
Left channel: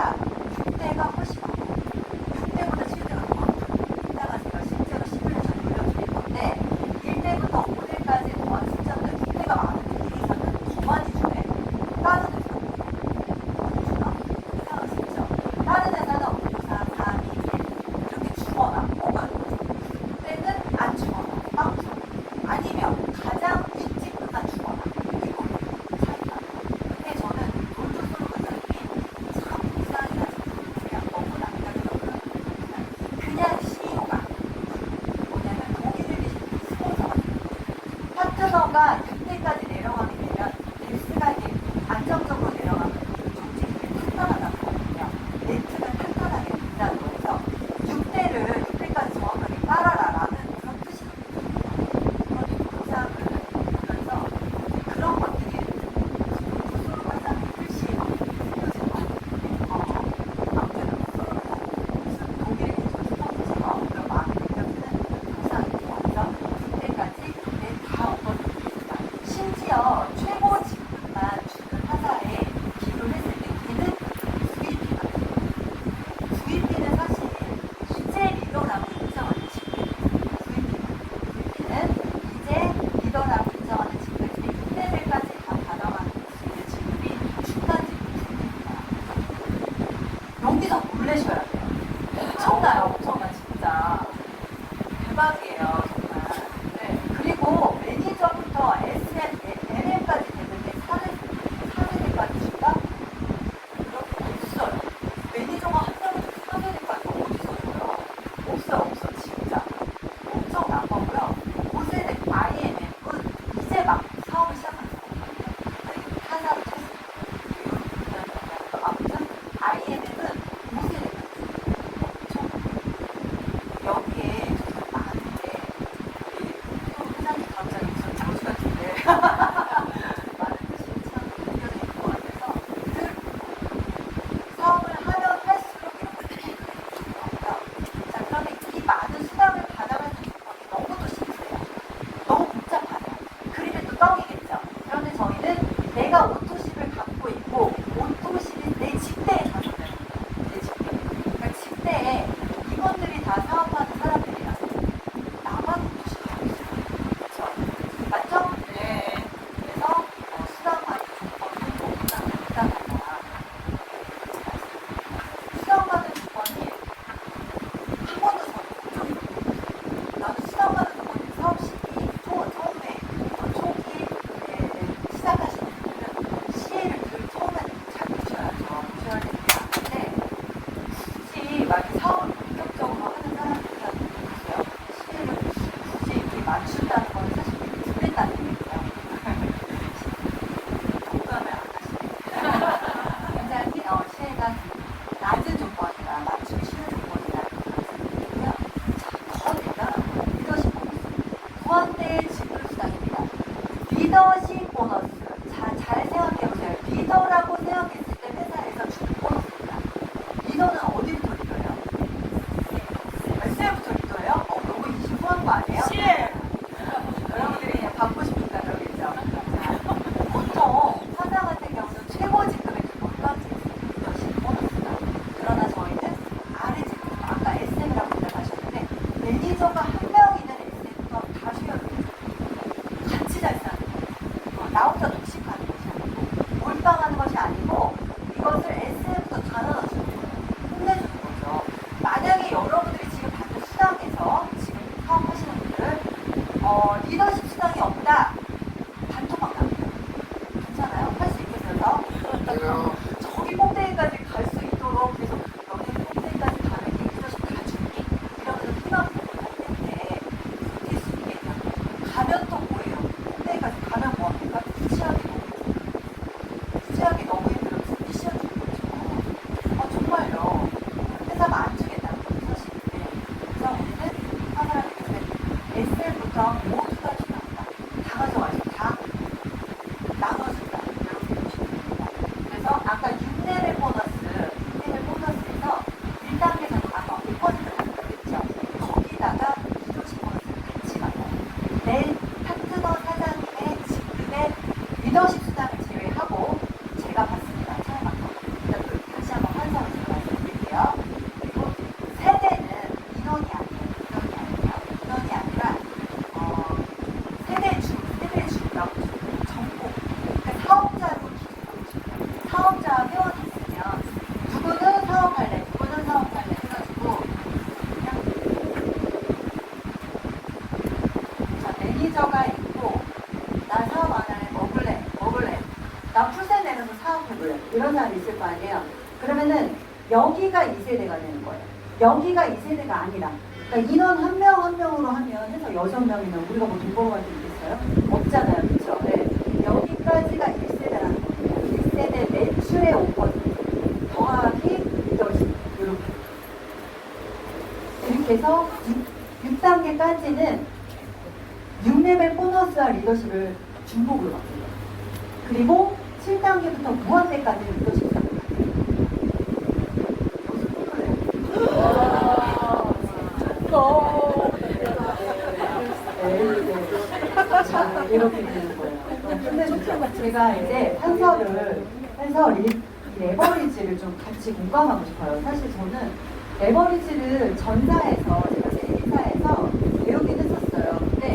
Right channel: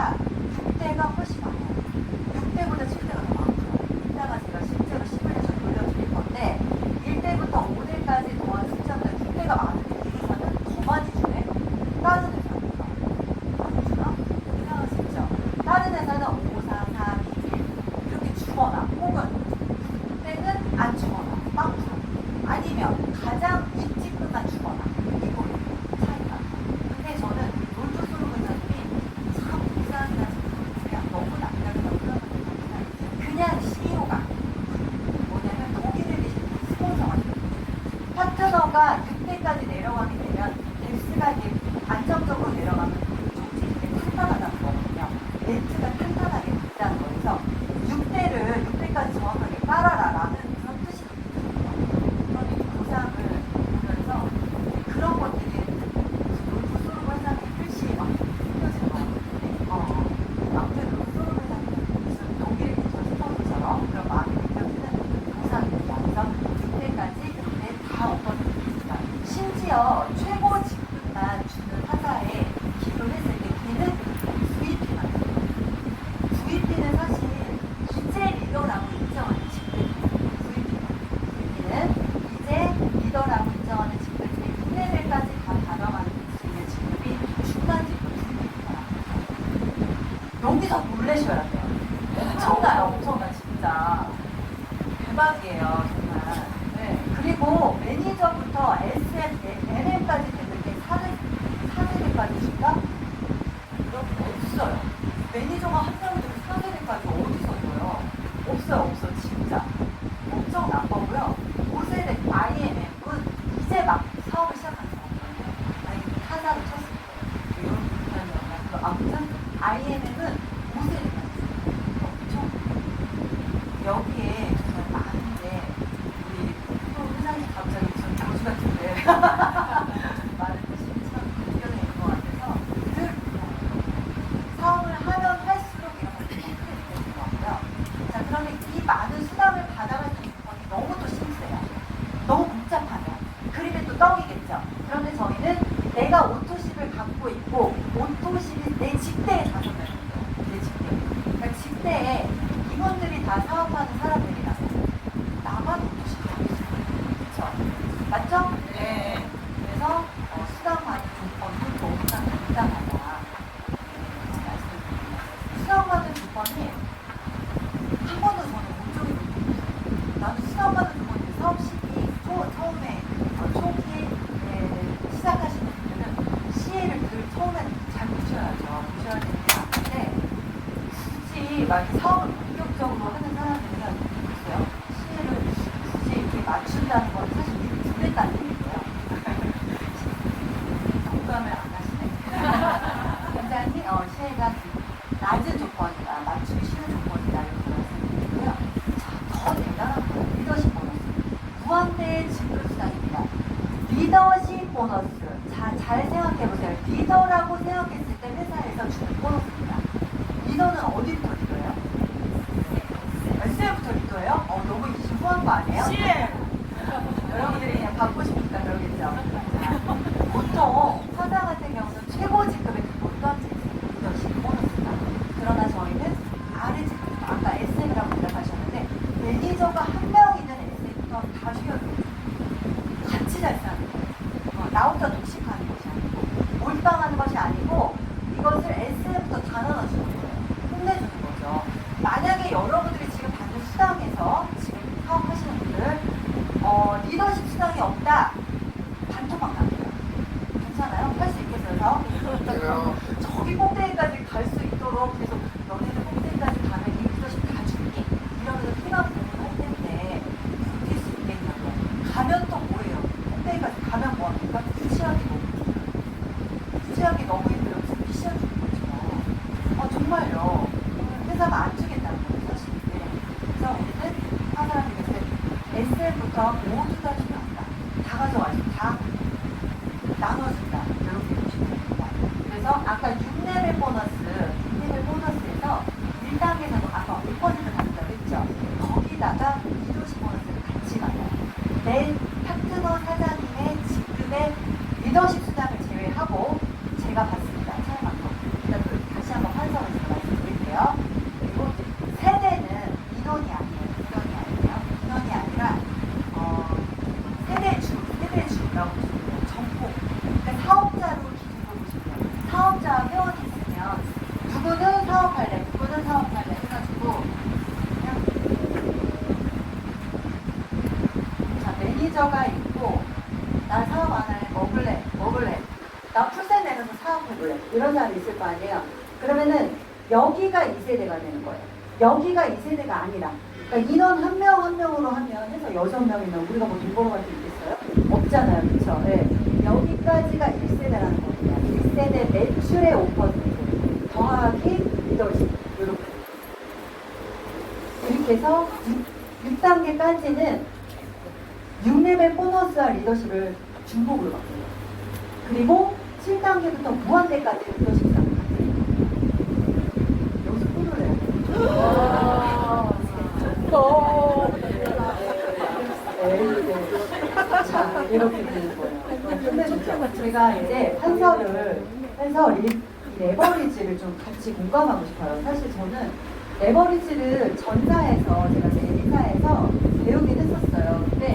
6대가 훨씬 많아요. 6대보다 7대가 더 많아요. 이따가 제가 실제로 시뮬레이션 돌려드릴 건데 1대부터 5대까지 동안 숫자보다 6대가 많은데 이 회사는 더 많이 주네? 다른 회사는 이상하시죠? 다른 회사는 5, 4, 3, 2, 1 이렇게 주거나 혹은 6대는 안 주거나 막 줘. 아니면 가장 윗집보다 주거나 이거 차이가. 근데 저는 롤토스로그들이 참 이상하게 그냥 너무 남다르거든요. 그냥 CEO가 뭐냐면 독일들이 스폰서가 파트너가 6대까지 내려가게 되면 넥스가 이제 안정적으로 내려가면 조직이 탄탄하다는 거거든요. 네트는 탄탄하게 된다는 거에서 6대까지 정확하게 깔아라라는 그런 뜻이거든요. 그래서 그런 것들이 수술을 한다는 글씨 막 아무튼 무슨 독일 스포츠처럼 그런 마음이 느껴지는 부산이 완전 그때까지 다 오거든요. 심지어 최고직만 주는 회사에 비교했을 때 걔는 VP만 VP는 사실 이제 리더라고 인정하는 직급이에요. VP는 이제 리더라고 인정하는 직급인데 6레벨까지 다 받아가는 수 있는 직급이 중간 직급입니다. 여기서 놀라셔야 돼요. 엄청나 진짜. 대박이에요 정말. 네. 그리고 매니저부터 MM까지 되는데 4레벨까지 진짜 없어요. 매니저가 한 명도 4레벨까지 어딨어요? 없어 진짜. 엄청난 거고요. 5세대 IMM은 이제 막 사업을 시작한 거예요. 하나를 쳤어요. 아무튼 IMM은 5세대 엄청 여기에 많은데 우리 회장님 갑자기 전 장수 같은데 말을 진짜 변경될 것 같아서 사업을 하면 할수록 좋고요. 자, 그러면 이 많은 수당을 받아갈 수 있는 것이 너무도 심세요. 너무 복잡하네요. 그림이 또 떡이겠죠. 그런데 저희는 내가 오토십을 갖고 있고 오토십이 내 집대에 작용을 해요. 내 집대. 그러니까 집대에 이분들이 다 사업하는 사람들이라서 나만 오토십이 없어요. 그렇죠? 맞죠? 네. 그래서 수당받는 조건이 너무나 간단하다. 수당받는 조건이 한 번도 저는 못 줬어요. 나는 수당받는 조건이 사업 시기 초기에 시작하시는 분들은 시에를 처음에 잘 보셔야죠. 보셔야 되는 게 맞는데 굳이 막 사업을 본격적으로 하는 사람들은 리더라고 생각했을 때 회사에서 주는 보너스입니다. 리더는 어디부터 리더예요? SM부터 리더예요? 너무 기부한 거 아니에요? 여러분들이 그냥 받고 싶으니까 그러겠죠. 보통 사장 같은 경우는 최고 직급의 국가직 리더십 보너스입니다. 그러나 저희는 아래 직급, 아까 SM이라고 생각하셨는데 매니저가 한 명이든 SM과 다 주변에 같이 잘 사는 거예요. 나 혼자 독식하는 것이 아니고 몰빵하는 것이 아니고 이것을 SM부터 다 나눠주는 거예요. 혼내주는 거죠. 만약에 여러분들이 지금 받는 수당에서 지금 사업하시는 분들 리더십 수당이 없다. 단톡방 나옵니다. 괜찮아요? 할 수 있겠어요? 저기 꼭대기까지 갈 수 있도록 계속 너희는 꼭대기까지 가면 이 리더십 다 줄게. 이러면서 희망 부분을 할 텐데 버틸 수 있겠냐고. 가면 또 뭐예요? 꼭대기까지 가면 뭐합니까? 취하기 너무 힘들어서 피시하기 힘들죠. 정말요. 회사가 안 주겠다는 거죠. 사실인데. 그럼 우리는 한 사람이 SL부터 모두 다 필요합니다. 다 가져와서 다 나눠준다. 이렇게 보시면 됩니다. 그래서 아까 6레벨 보너스, 6레벨 보너스에서 1단계에서는 아까 5% 받는다 그랬죠. 거기다가 20% 보너스를 같이 받아요. 내 파트너 사장님의 직급의 리더십 수당을 제외하고 제가 받습니다. 사용한 거. 다시 한번 설명을 좀 말씀드릴게요. 그리고 세대는 인원이 아니라 세대 주라고 보시면 정보. 그러니까 사업자로 기록해주시면 사업자 회원했으면 누구는 사업할래, 누구는 사업할래 해가지고 자, 매니저가 있고 나 사업 안 할래, 먹을래. 나 풀세 내면서 사업해볼래. 이런 사람이 있을 거 아니에요. 그러면은 여기가 2세대가 되는 거예요. 여기가 2세대가 아니라 그러니까 인원 한 명 한 명으로 하면 해서 6명이면 우리가 뭐 돈 벌어갈 수 있겠어요? 없잖아요. 그렇죠? 네. 여기까지가 1세대라는 겁니다. 1세대 매출의 5% 더하기 리더십 이렇게 해서 6단계까지는 6레벨 보너스와 리더십을 중복으로 받습니다. 그리고 7단계부터 무한대까지 리더십을 받습니다. 여기서 자, 이렇게 되는 거예요. 끝내주죠. 제가 이제 해서 레버리지를 좀 같이 공감하고 싶어요. 사실 저는 레버리지를 전사에서 제가 제 회사에서 배우긴 했었어요. 근데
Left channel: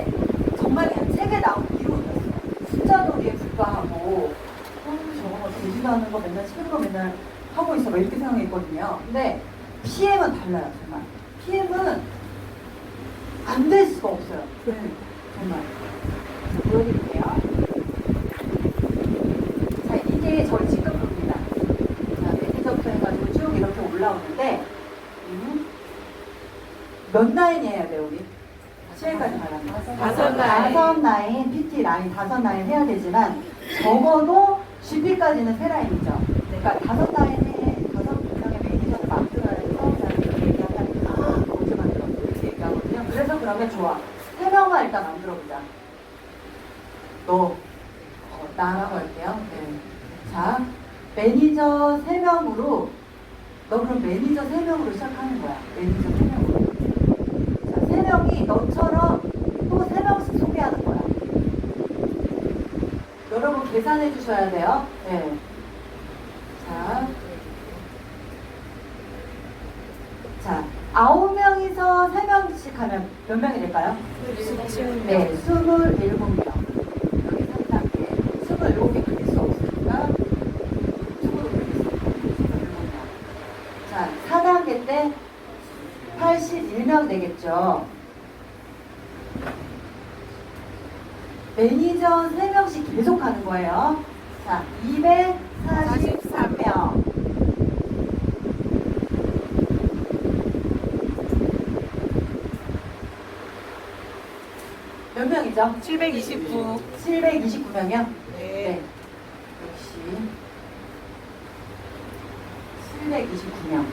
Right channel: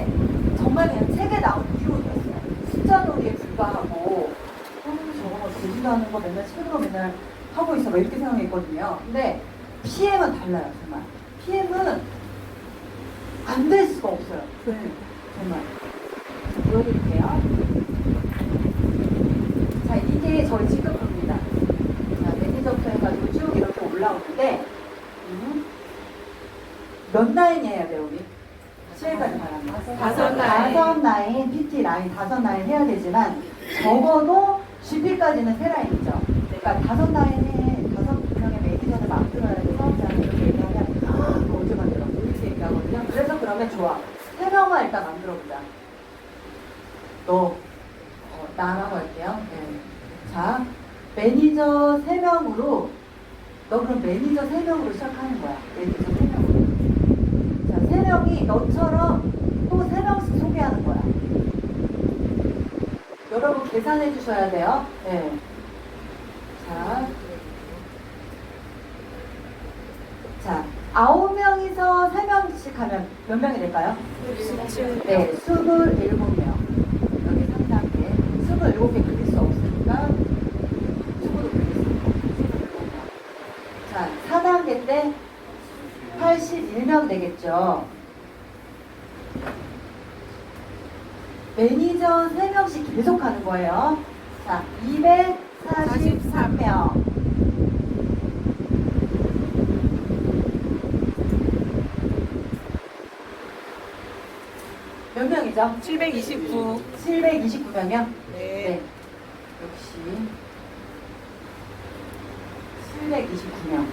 정말 그냥 책에 나온 이론이었어요. 숫자 놀이에 불과하고 저거 되지도 않는 거 맨날 책으로 맨날 하고 있어. 왜 이렇게 생각했거든요. 근데 PM은 달라요. 정말. PM은 안 될 수가 없어요. 정말. 보여드릴게요. 자, 이게 저희 직급표입니다. 자, 매니저부터 해가지고 쭉 이렇게 올라오는데, 몇 라인 해야 돼요, 우리? 7까지 가려면. 5라인, PT 라인, 5라인 해야 되지만, 적어도 GP까지는 3라인이죠. 그러니까 5라인에 6명의 매니저를 만들어야 되고, 사업자를 이렇게 얘기하면, 언제 만들었어? 이렇게 얘기하거든요. 그래서 그러면 좋아. 3명만 일단 만들어보자. 나라고 할게요. 네. 자, 매니저 3명으로, 너 그럼 매니저 3명으로 시작하는 거야. 매니저 3명으로. 자, 3명이 너처럼 또 3명씩 소개하는 거야. 여러분 계산해 주셔야 돼요. 네. 자, 9명이서 3명씩 하면 몇 명이 될까요? 네, 27명. 여기 3단계. 27개 그릴 수 없으니까 축으로 그릴 수 없어요. 자, 4단계 때 81명 되겠죠. 매니저 3명씩 계속 하는 거예요. 자, 243명. 몇 명이죠? 729. 729명이요? 네. 역시 729명.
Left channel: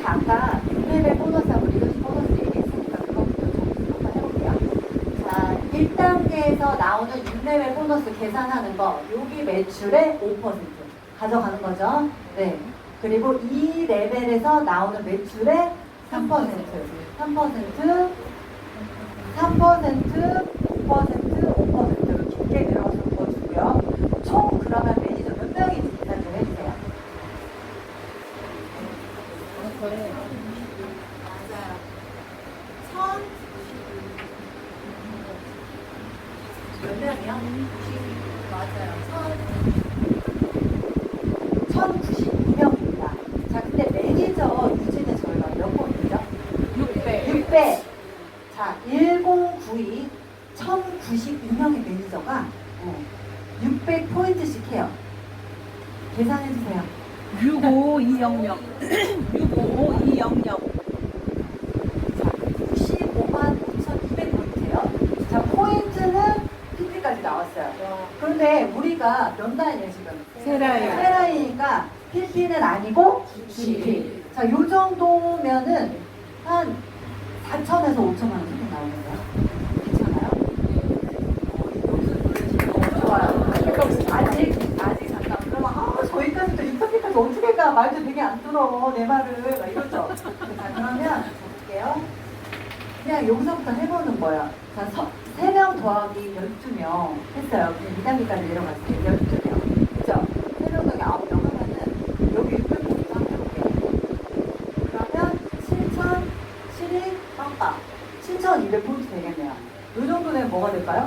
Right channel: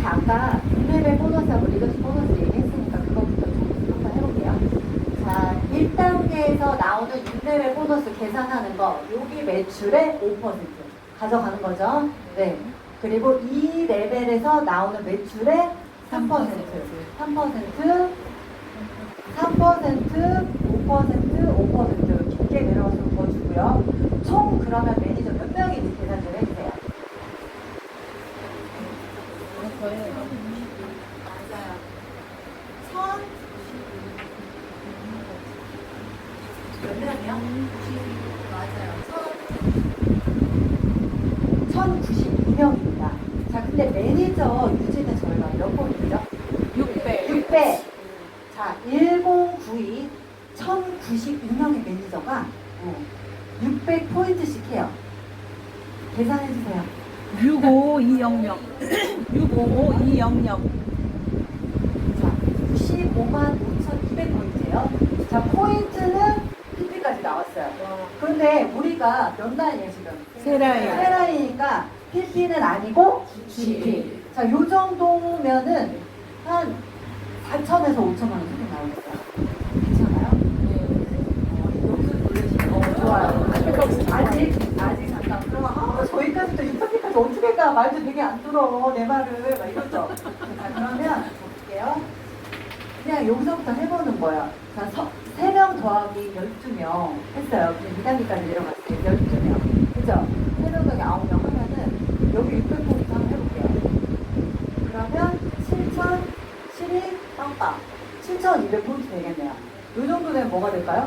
자, 아까 6레벨 보너스하고 리더십 보너스 얘기했으니까 그거부터 좀 한번 해볼게요. 자, 1단계에서 나오는 6레벨 보너스 계산하는 거, 여기 매출의 5% 가져가는 거죠. 네. 그리고 2레벨에서 나오는 매출의 3%, 3%, 5% 깊게 내려가서 보여주고요. 총 그러면 매니저 몇 명인지 계산 좀 해주세요. 몇 명이요? 맞아요. 1099명입니다. 자, 근데 매니저 유지는 저희가 몇 번이죠? 6배. 자, 1092, 1092명의 매니저가 600포인트씩 해요. 계산해주세요. 65200. 65200. 자, 15만 5,200포인트예요. 자, 포인트는 PT까지 나왔어요. 그런데 우리가 몇 라인이에요, 지금? 세 라인. 세 라인이니까 PT는 아니고 GP. 자, 요 정도면은 한 4천에서 5천만 원 정도 나오겠어요. 괜찮아요? 좋아요. 아직 잠깐. 그러면 저희까지 또 인터뷰까지 어떻게 가? 말도 되게 안 들어. 내 말을. 막 이러죠. 자, 그러면 볼게요. 그냥 여기서부터 해보는 거예요. 자, 3명 더하기 12명 했어요. 그냥 2단계까지 내려갔어요. 12명. 그죠? 3명 더하기 9명 하면은 여기 600포인트 한번 해볼게요. 그러면 7,000, 12, 빵빵. 7,200포인트 되겠네요. 이 정도 되면 뭐가 될까요?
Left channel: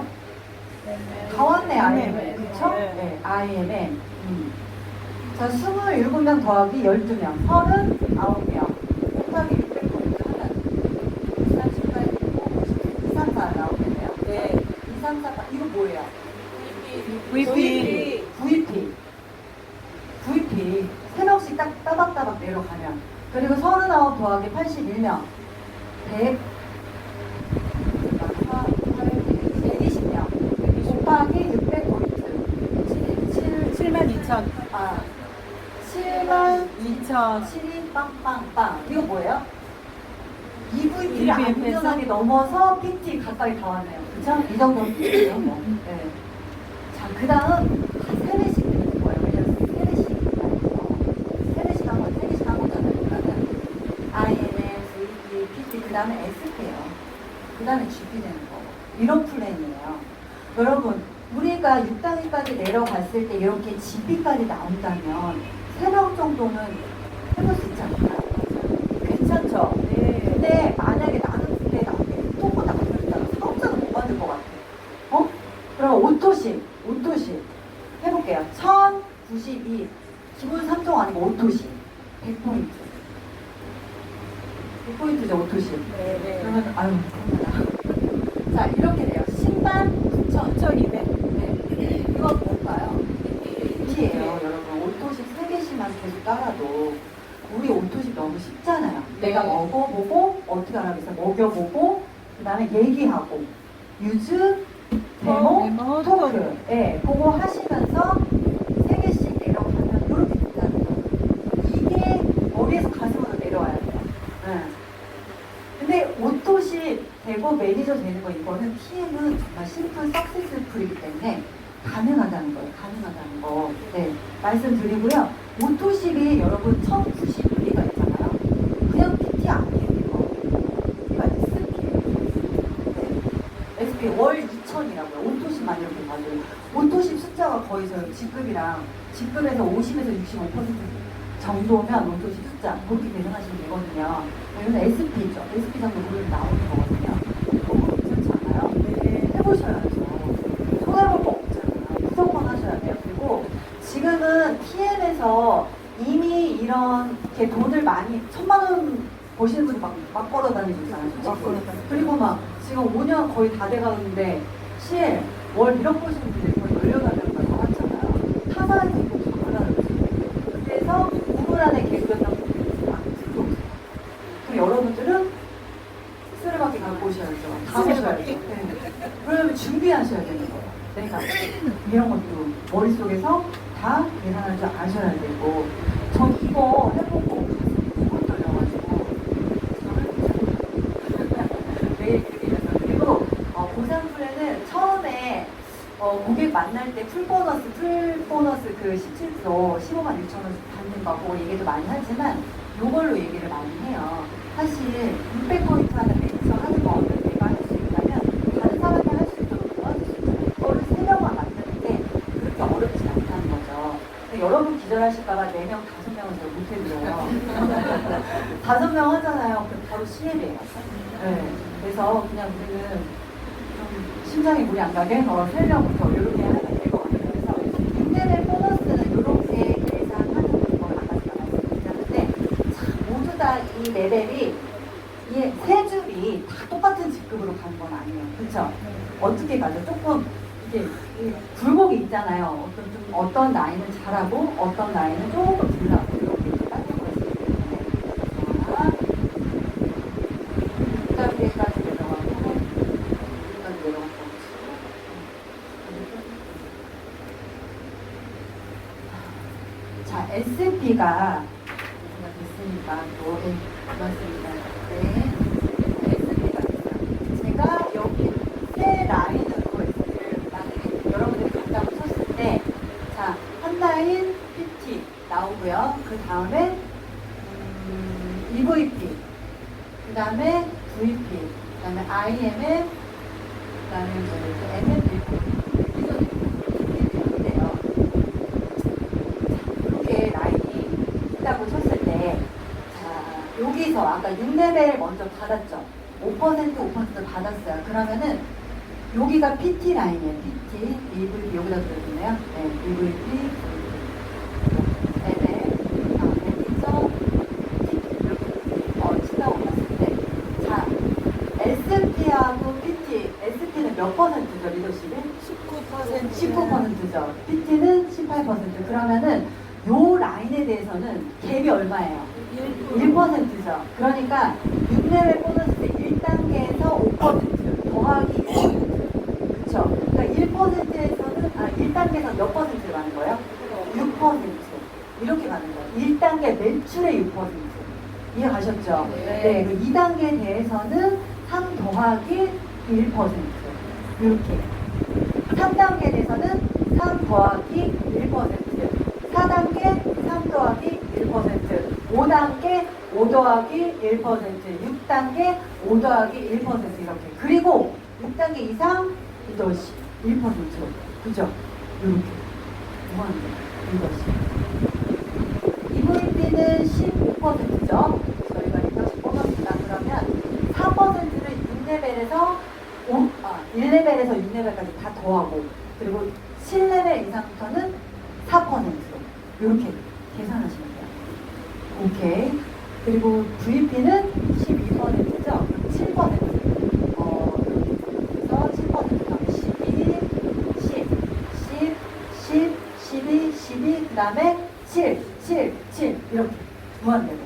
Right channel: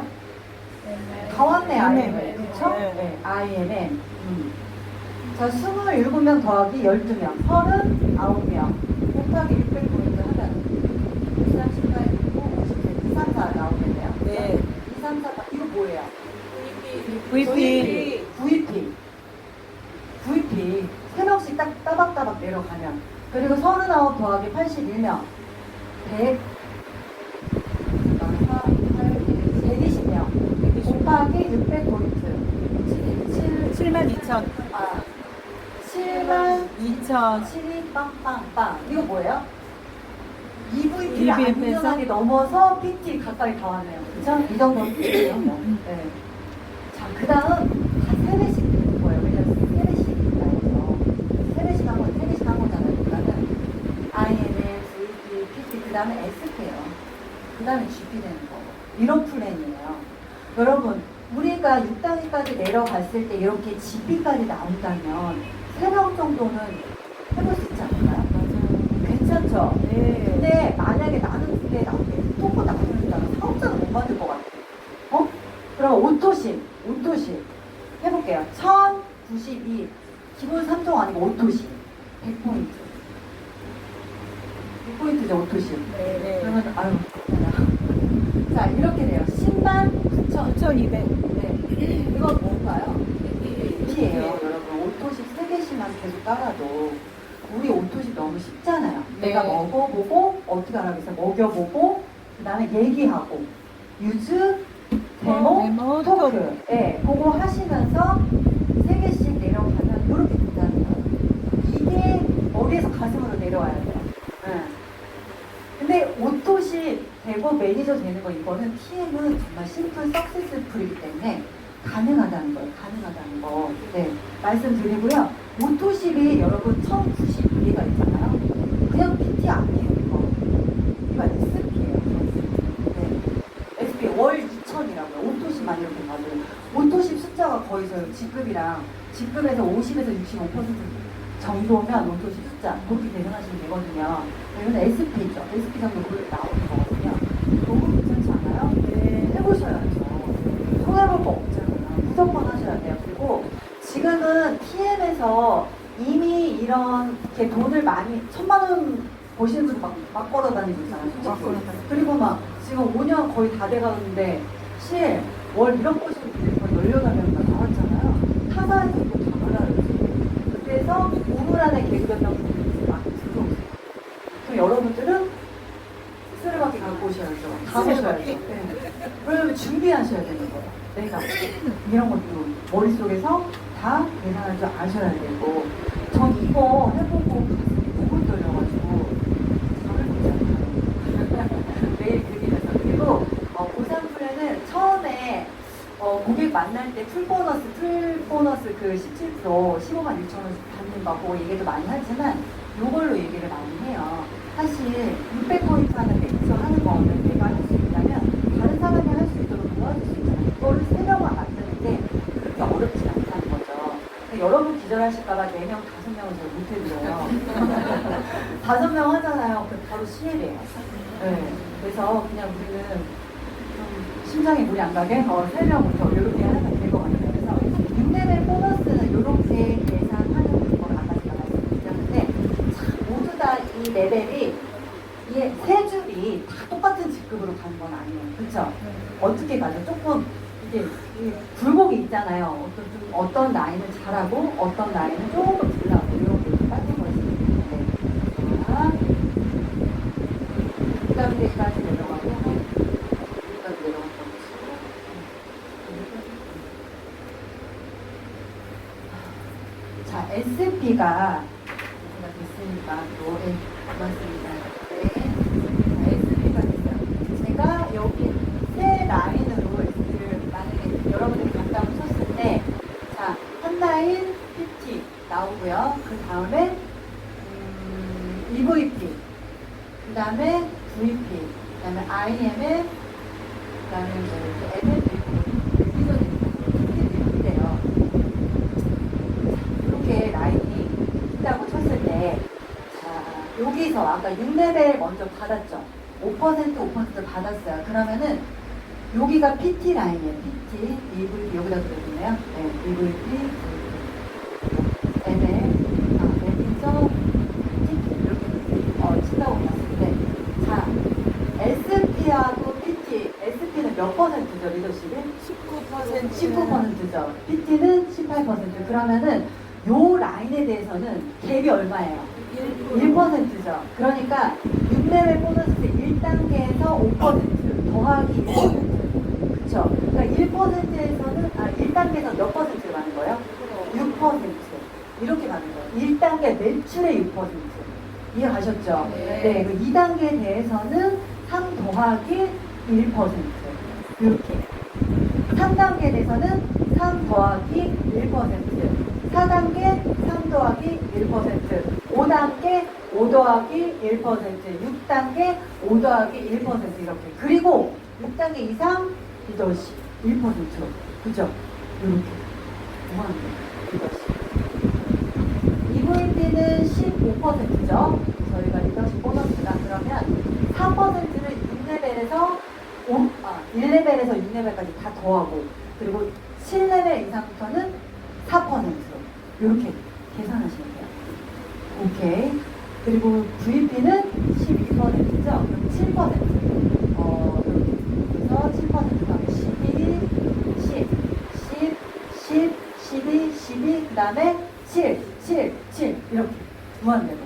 다 왔네, IM에. 그쵸? 네, IM에. 자, 27명 더하기 12명. 39명. 곱하기 600포인트 하면 234 나오겠네요. 네. 234, 이거 뭐예요? VP. VP. 3명씩 딱 따박따박 내려가면. 그리고 39 더하기 81명. 120명. 곱하기 600포인트. 72,000. 7만 2,000. 12 빵빵빵. 이거 뭐예요? EVP를 EVP 에서? 안전하게 넘어서 PT 가까이 다 왔네요. 그쵸? 이 정도 PT예요. 뭐. 네. 자, 그 다음 한 3배씩 되는 거예요. 왜냐면 3배씩 세배씩 한 거잖아요. 그러면 INS, EP, PT, 그 다음에 SP예요. 그 다음에 GP 되는 거고. 이런 플랜이에요. 여러분, 우리가 6단계까지 내려갔을 때 이렇게 GP까지 나온다면 3명 정도는 해볼 수 있지 않을까요? 괜찮죠? 근데 만약에 나는 그때 나한테 또 나온다. 사업자는 못 만들 것 같아. 그럼 오토십 해볼게요. 1092 기본 3종 아니고 오토십 100포인트. 100포인트죠, 오토십. 네. 그러면 아유, 자, 이렇게 돼요. 10만 9,200. 네. 이건 뭘까요? 이에요, 여러분. 오토십 3개씩만 계속 따라도 우리 오토십 너무 쉽잖아요. 내가 먹어보고 어떻게 하라겠어? 먹여보고 그 다음에 얘기하고 유즈, 데모, 토크. 네, 그거 하시면서 3개씩 내려가면 이렇게 된다는 거예요. 이게 머리에서 가슴으로 내려와야 돼요. 네. 근데 오토십 대고 매니저 되는 거 이거는 TM은 정말 심플 석세스풀이기 때문에 가능하다는 거예요. 가능하다는 거. 네, 말씀드리고요. 오토십이 여러분 1092가 있잖아요. 그냥 PT 아니에요. 이거 SP예요. 네. SP 월 2,000이라고요. 오토십만 이렇게 봐도. 오토십 숫자가 거의 저 직급에서 50에서 65% 정도면 오토십 숫자 그렇게 대응하시면 되거든요. 그래서 SP죠. SP 정도 그렇게 나오는 거거든요. 너무 괜찮지 않아요? 네. 해보셔야죠. 손해볼 거 없잖아요. 무조건 하셔야 돼요. 그리고 지금은 TM에서 이미 이런 게 돈을 많이 1,000만 원 버시는 분들 막 걸어다니고 있잖아요. 그리고 막 지금 5년 거의 다 돼가는데 시에 월 1억 버시는 분들이 거의 18명 나왔잖아요. 타사에서 또 장사를 했어요. 그래서 우물안에 계획했던 분들이 막 들어오고 있어요. 여러분들은 쓰레받기 갖고 오셔야죠. 가보셔야죠. 네. 그러면 준비하셔야 되는 거예요. 내가 이런 것도 머릿속에서 다 계산할 줄 아셔야 되고 전 이거 해보고 가슴이 너무 떨려가지고 매일 들리면서 그리고 고산풀에는 고객 만날 때 풀 보너스 그 17% 15만 6천 원 받는 거 보고 얘기도 많이 하지만 이걸로 얘기를 많이 해요. 사실 600포인트 하는 매니저 하는 거 내가 할 수 있다면 다른 사람도 할 수 있도록 도와줄 수 있는 이거를 3명만 만드는데 그렇게 어렵지 않다는 거죠. 여러분 기절하실까봐 4명, 5명은 잘 못해드려요. 5명 하잖아요. 그럼 바로 시내배예요. 네. 그래서 그냥 우리는 심장에 물이 안 가게 살려부터 이렇게 하면 될 것 같아요. 그래서 6레벨 보너스는 이렇게 계산하는 걸 아까 제가 말씀드렸는데 모두 다 이 레벨이 이 세 줄이 다 똑같은 직급으로 가는 건 아니에요. 그렇죠? 어떻게 가죠? 조금 이게 굴곡이 있잖아요. 어떤 라인은 잘하고 어떤 라인은 조금 덜하고 이렇게 빠진 거죠. 여기까지 내려가고 여기까지 내려가고 자, SP가 됐으니까 또 맞습니다. 네, SP가 됐어요. 제가 여기 세 라인으로 해서 여러분이 감각을 쳤을 때, 자, 한 라인 PT 나오고요. 그 다음에 EVP, 그 다음에 VP, 그 다음에 IMM, 그 다음에 MMVP 이렇게 라인이 있다고 쳤을 때, 자, 여기서 아까 6레벨 먼저 받았죠. 5% 받았어요. 그러면은 여기가 PT 라인이에요. PT, EVP 여기다 들어주네요. 네, EVP, 여기서 친다고 봤을 때, 자, SP하고 PT, SP는 몇 %죠, 리더십이? 19%죠. PT는 18%. 그러면은 요 라인에 대해서는 갭이 얼마예요? 1%죠. 그러니까 6레벨 보너스 1단계에서 5% 더하기 1%. 그쵸? 그러니까 1%에서는, 1단계에서 몇 %를 가는 거예요? 6%. 이렇게 가는 거예요. 1단계 매출의 6%. 이해가셨죠? 네. 2단계에 대해서는 3 더하기 1%. 이렇게. 3단계에 대해서는 3 더하기 1%. 4단계 3 더하기 1%, 5단계 5 더하기 1%, 6단계 5 더하기 1% 이렇게. 그리고 6단계 이상 리더십 1%. 그죠? 이렇게. EVP는 15%죠. 저희가 리더십 보너스다 그러면 4%를 6레벨에서 1레벨에서 6레벨까지 다 더하고, 그리고 7레벨 이상부터는 4%. 이렇게 계산하시면 돼요. 오케이. 그리고 VP는 12%죠. 7%. 그래서 7%가 12, 10, 10, 10, 12, 12, 그 다음에 7, 7, 7. 이렇게 무한대로.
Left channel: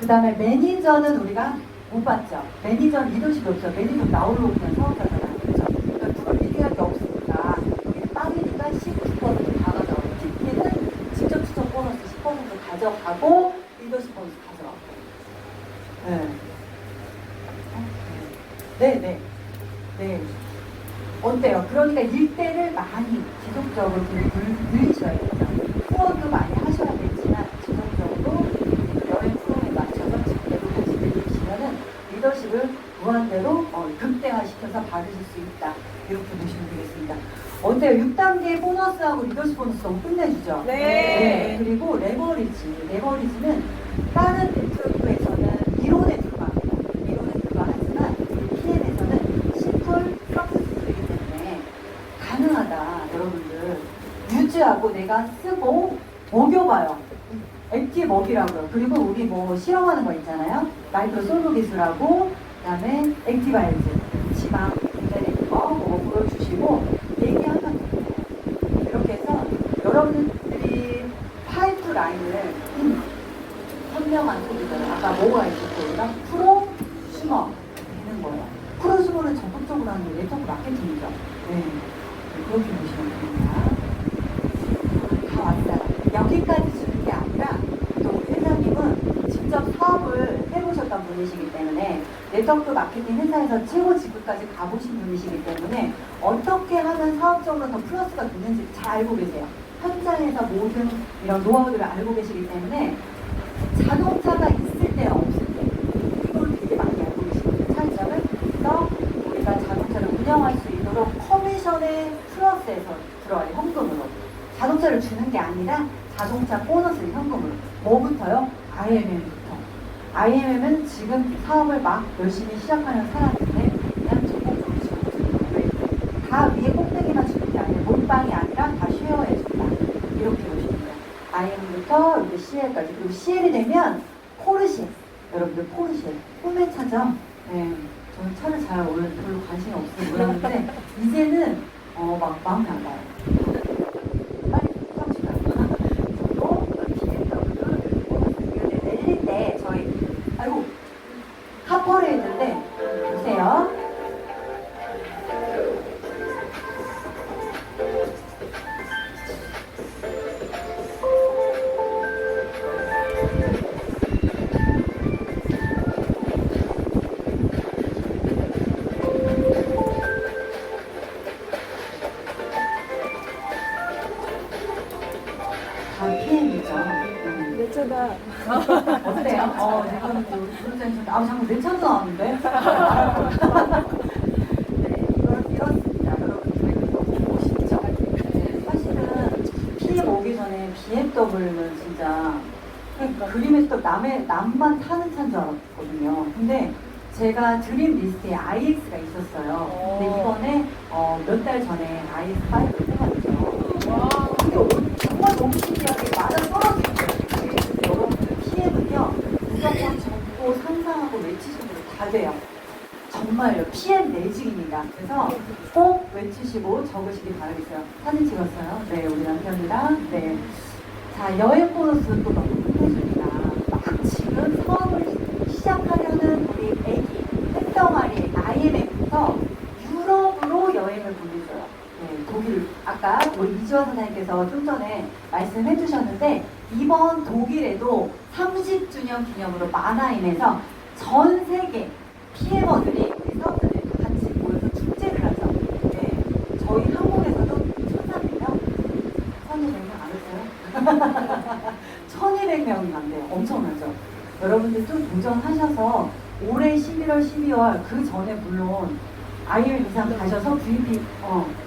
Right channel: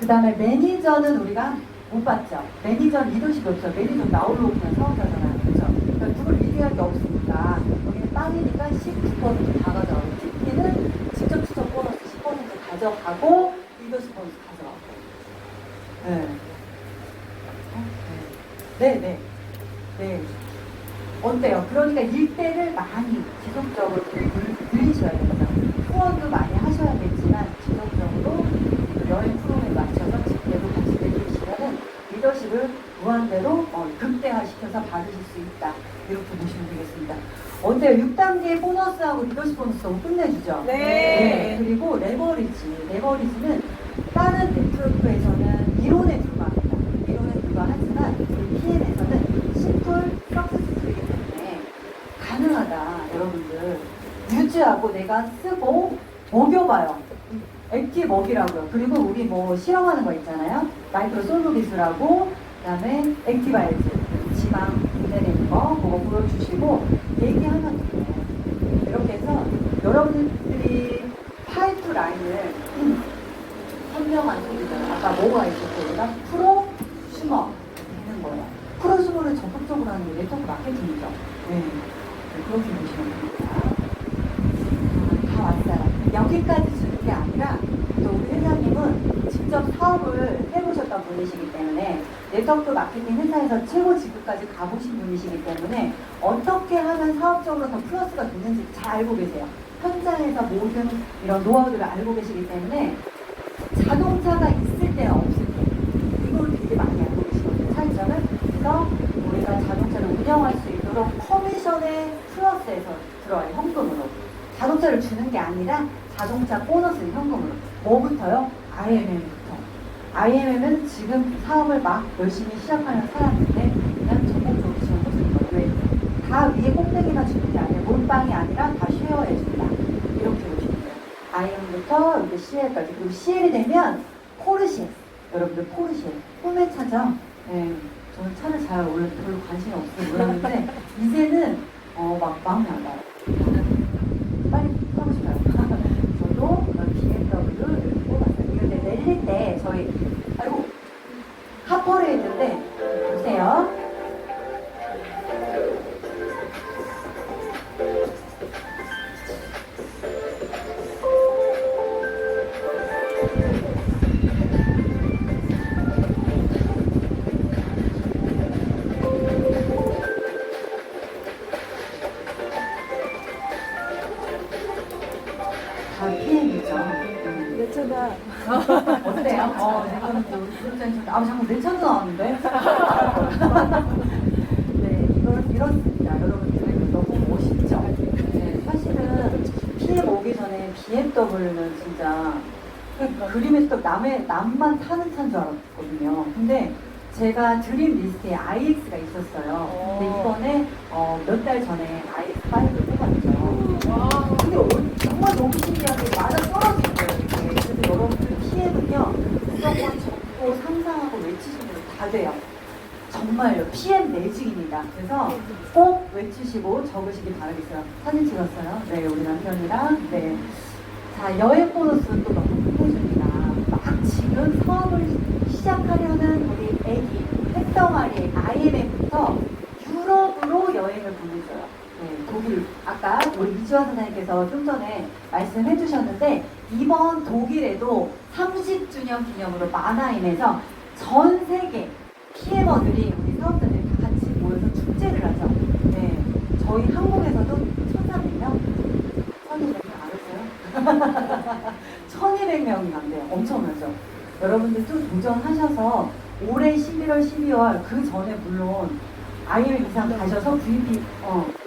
그 다음에 매니저는 우리가 못 봤죠. 매니저는 리더십이 없죠. 매니저 나오려고 그냥 사업자잖아요. 그렇죠? 그러니까 누굴 리드할 게 없으니까 여기 빠지니까 19% 다 가져가고, TP는 직접 추적 보너스 10% 가져가고, 리더십 보너스 가져가고. 네. 네. 네. 어때요? 그러니까 일대를 많이 지속적으로 늘리셔야 됩니다. 후원도 많이 하셔야겠지만 지속적으로 여행 프로그램에 맞춰서 직대로 같이 늘리시면은 리더십을 무한대로 극대화시켜서 받으실 수 있다. 이렇게 보시면 되겠습니다. 어때요? 6단계 보너스하고 리더십 보너스 너무 끝내주죠? 네. 그리고 레버리지는 다른 네트워크에서는 이론에 불과합니다. 이론에 불과하지만 PM에서는 심플 서비스이기 때문에 가능하다. 여러분들 유지하고 내가 쓰고 먹여봐요. 액티 먹이라고요. 그리고 우리 뭐 실험하는 거 있잖아요. 마이크로 솔로 기술하고, 그 다음에 액티바이즈, 지방 분해되는 거 그거 보여주시고 얘기하면 돼요. 이렇게 해서 여러분들이 파이프 라인을 선명한 소리잖아요. 아까 뭐가 있었고, 우리가 프로 슈머 되는 거예요. 프로 슈머를 적극적으로 하는 게 네트워크 마케팅이죠. 네. 그렇게 보시면 됩니다. 다 왔어요. 여기까지 주는 게 아니라 또 우리 회장님은 직접 사업을 해보셨던 분이시기 때문에 네트워크 마케팅 회사에서 최고 직급까지 가보신 분이시기 때문에 어떻게 하면 사업적으로 더 플러스가 되는지 잘 알고 계세요. 현장에서 모든 이런 노하우들을 알고 계시기 때문에 자동차가 있을 때와 없을 때 그걸 되게 많이 알고 계시거든요. 차이점을. 그래서 우리가 자동차를 운영할 수 있도록 커미션의 플러스에서 들어와요. 현금으로. 자동차를 주는 게 아니라 자동차 보너스를 현금으로. 뭐부터요? IMM부터. IMM은 지금 사업을 막 열심히 시작하는 사람인데 그냥 전공적으로 지원해준다. 왜? 다 위에 꼭대기만 주는 게 아니라 몰빵이 아니라 다 쉐어해준다. 이렇게 보시면 돼요. IM부터 이제 CL까지. 그리고 CL이 되면 포르쉐. 여러분들 포르쉐. 꿈의 차죠? 네. 저는 차를 잘 원래 별로 관심이 없어서 몰랐는데 이제는 막 마음이 안 가요. 빨리 써주세요. 저도 BMW를 이렇게 내릴 때 저희 아이고 하퍼를 했는데 보세요. PM이죠. 유튜버. 어때요? 지금 우리 구독자님, 잠깐 내 차도 나왔는데? 네, 이렇습니다. 여러분들 너무 멋있죠? 네, 사실은 PM 오기 전에 BMW는 진짜 그림에서 남만 타는 차인 줄 알았거든요. 근데 제가 드림 리스트에 IX가 있었어요. 근데 이번에 몇 달 전에 IX5를 뽑았죠. 근데 정말 너무 신기하게 맞아 떨어진 거예요. 그래서 여러분 PM은요 무조건 적고 상상하고 외치시는 게 다 돼요. 정말요. PM 매직입니다. 그래서 꼭 외치시고 적으시기 바라겠어요. 사진 찍었어요. 네, 우리 남편이랑. 네. 자, 여행 보너스 또 너무 끝내줍니다. 막 지금 사업을 시작하려는 우리 애기, 햇덩아리, IMF부터 유럽으로 여행을 보내줘요. 네, 독일, 아까 우리 이주환 사장님께서 좀 전에 말씀해 주셨는데, 이번 독일에도 30주년 기념으로 마나임에서 전 세계 PM원들이 우리 사업자들이 다 같이 모여서 축제를 하죠. 네, 저희 한국에서도 1,300명? 1,200명 안 했어요? 1,200명이 안 돼요. 엄청나죠? 여러분들 좀 도전하셔서 올해 11월, 12월 그 전에 물론 IM 이상 가셔서 VP,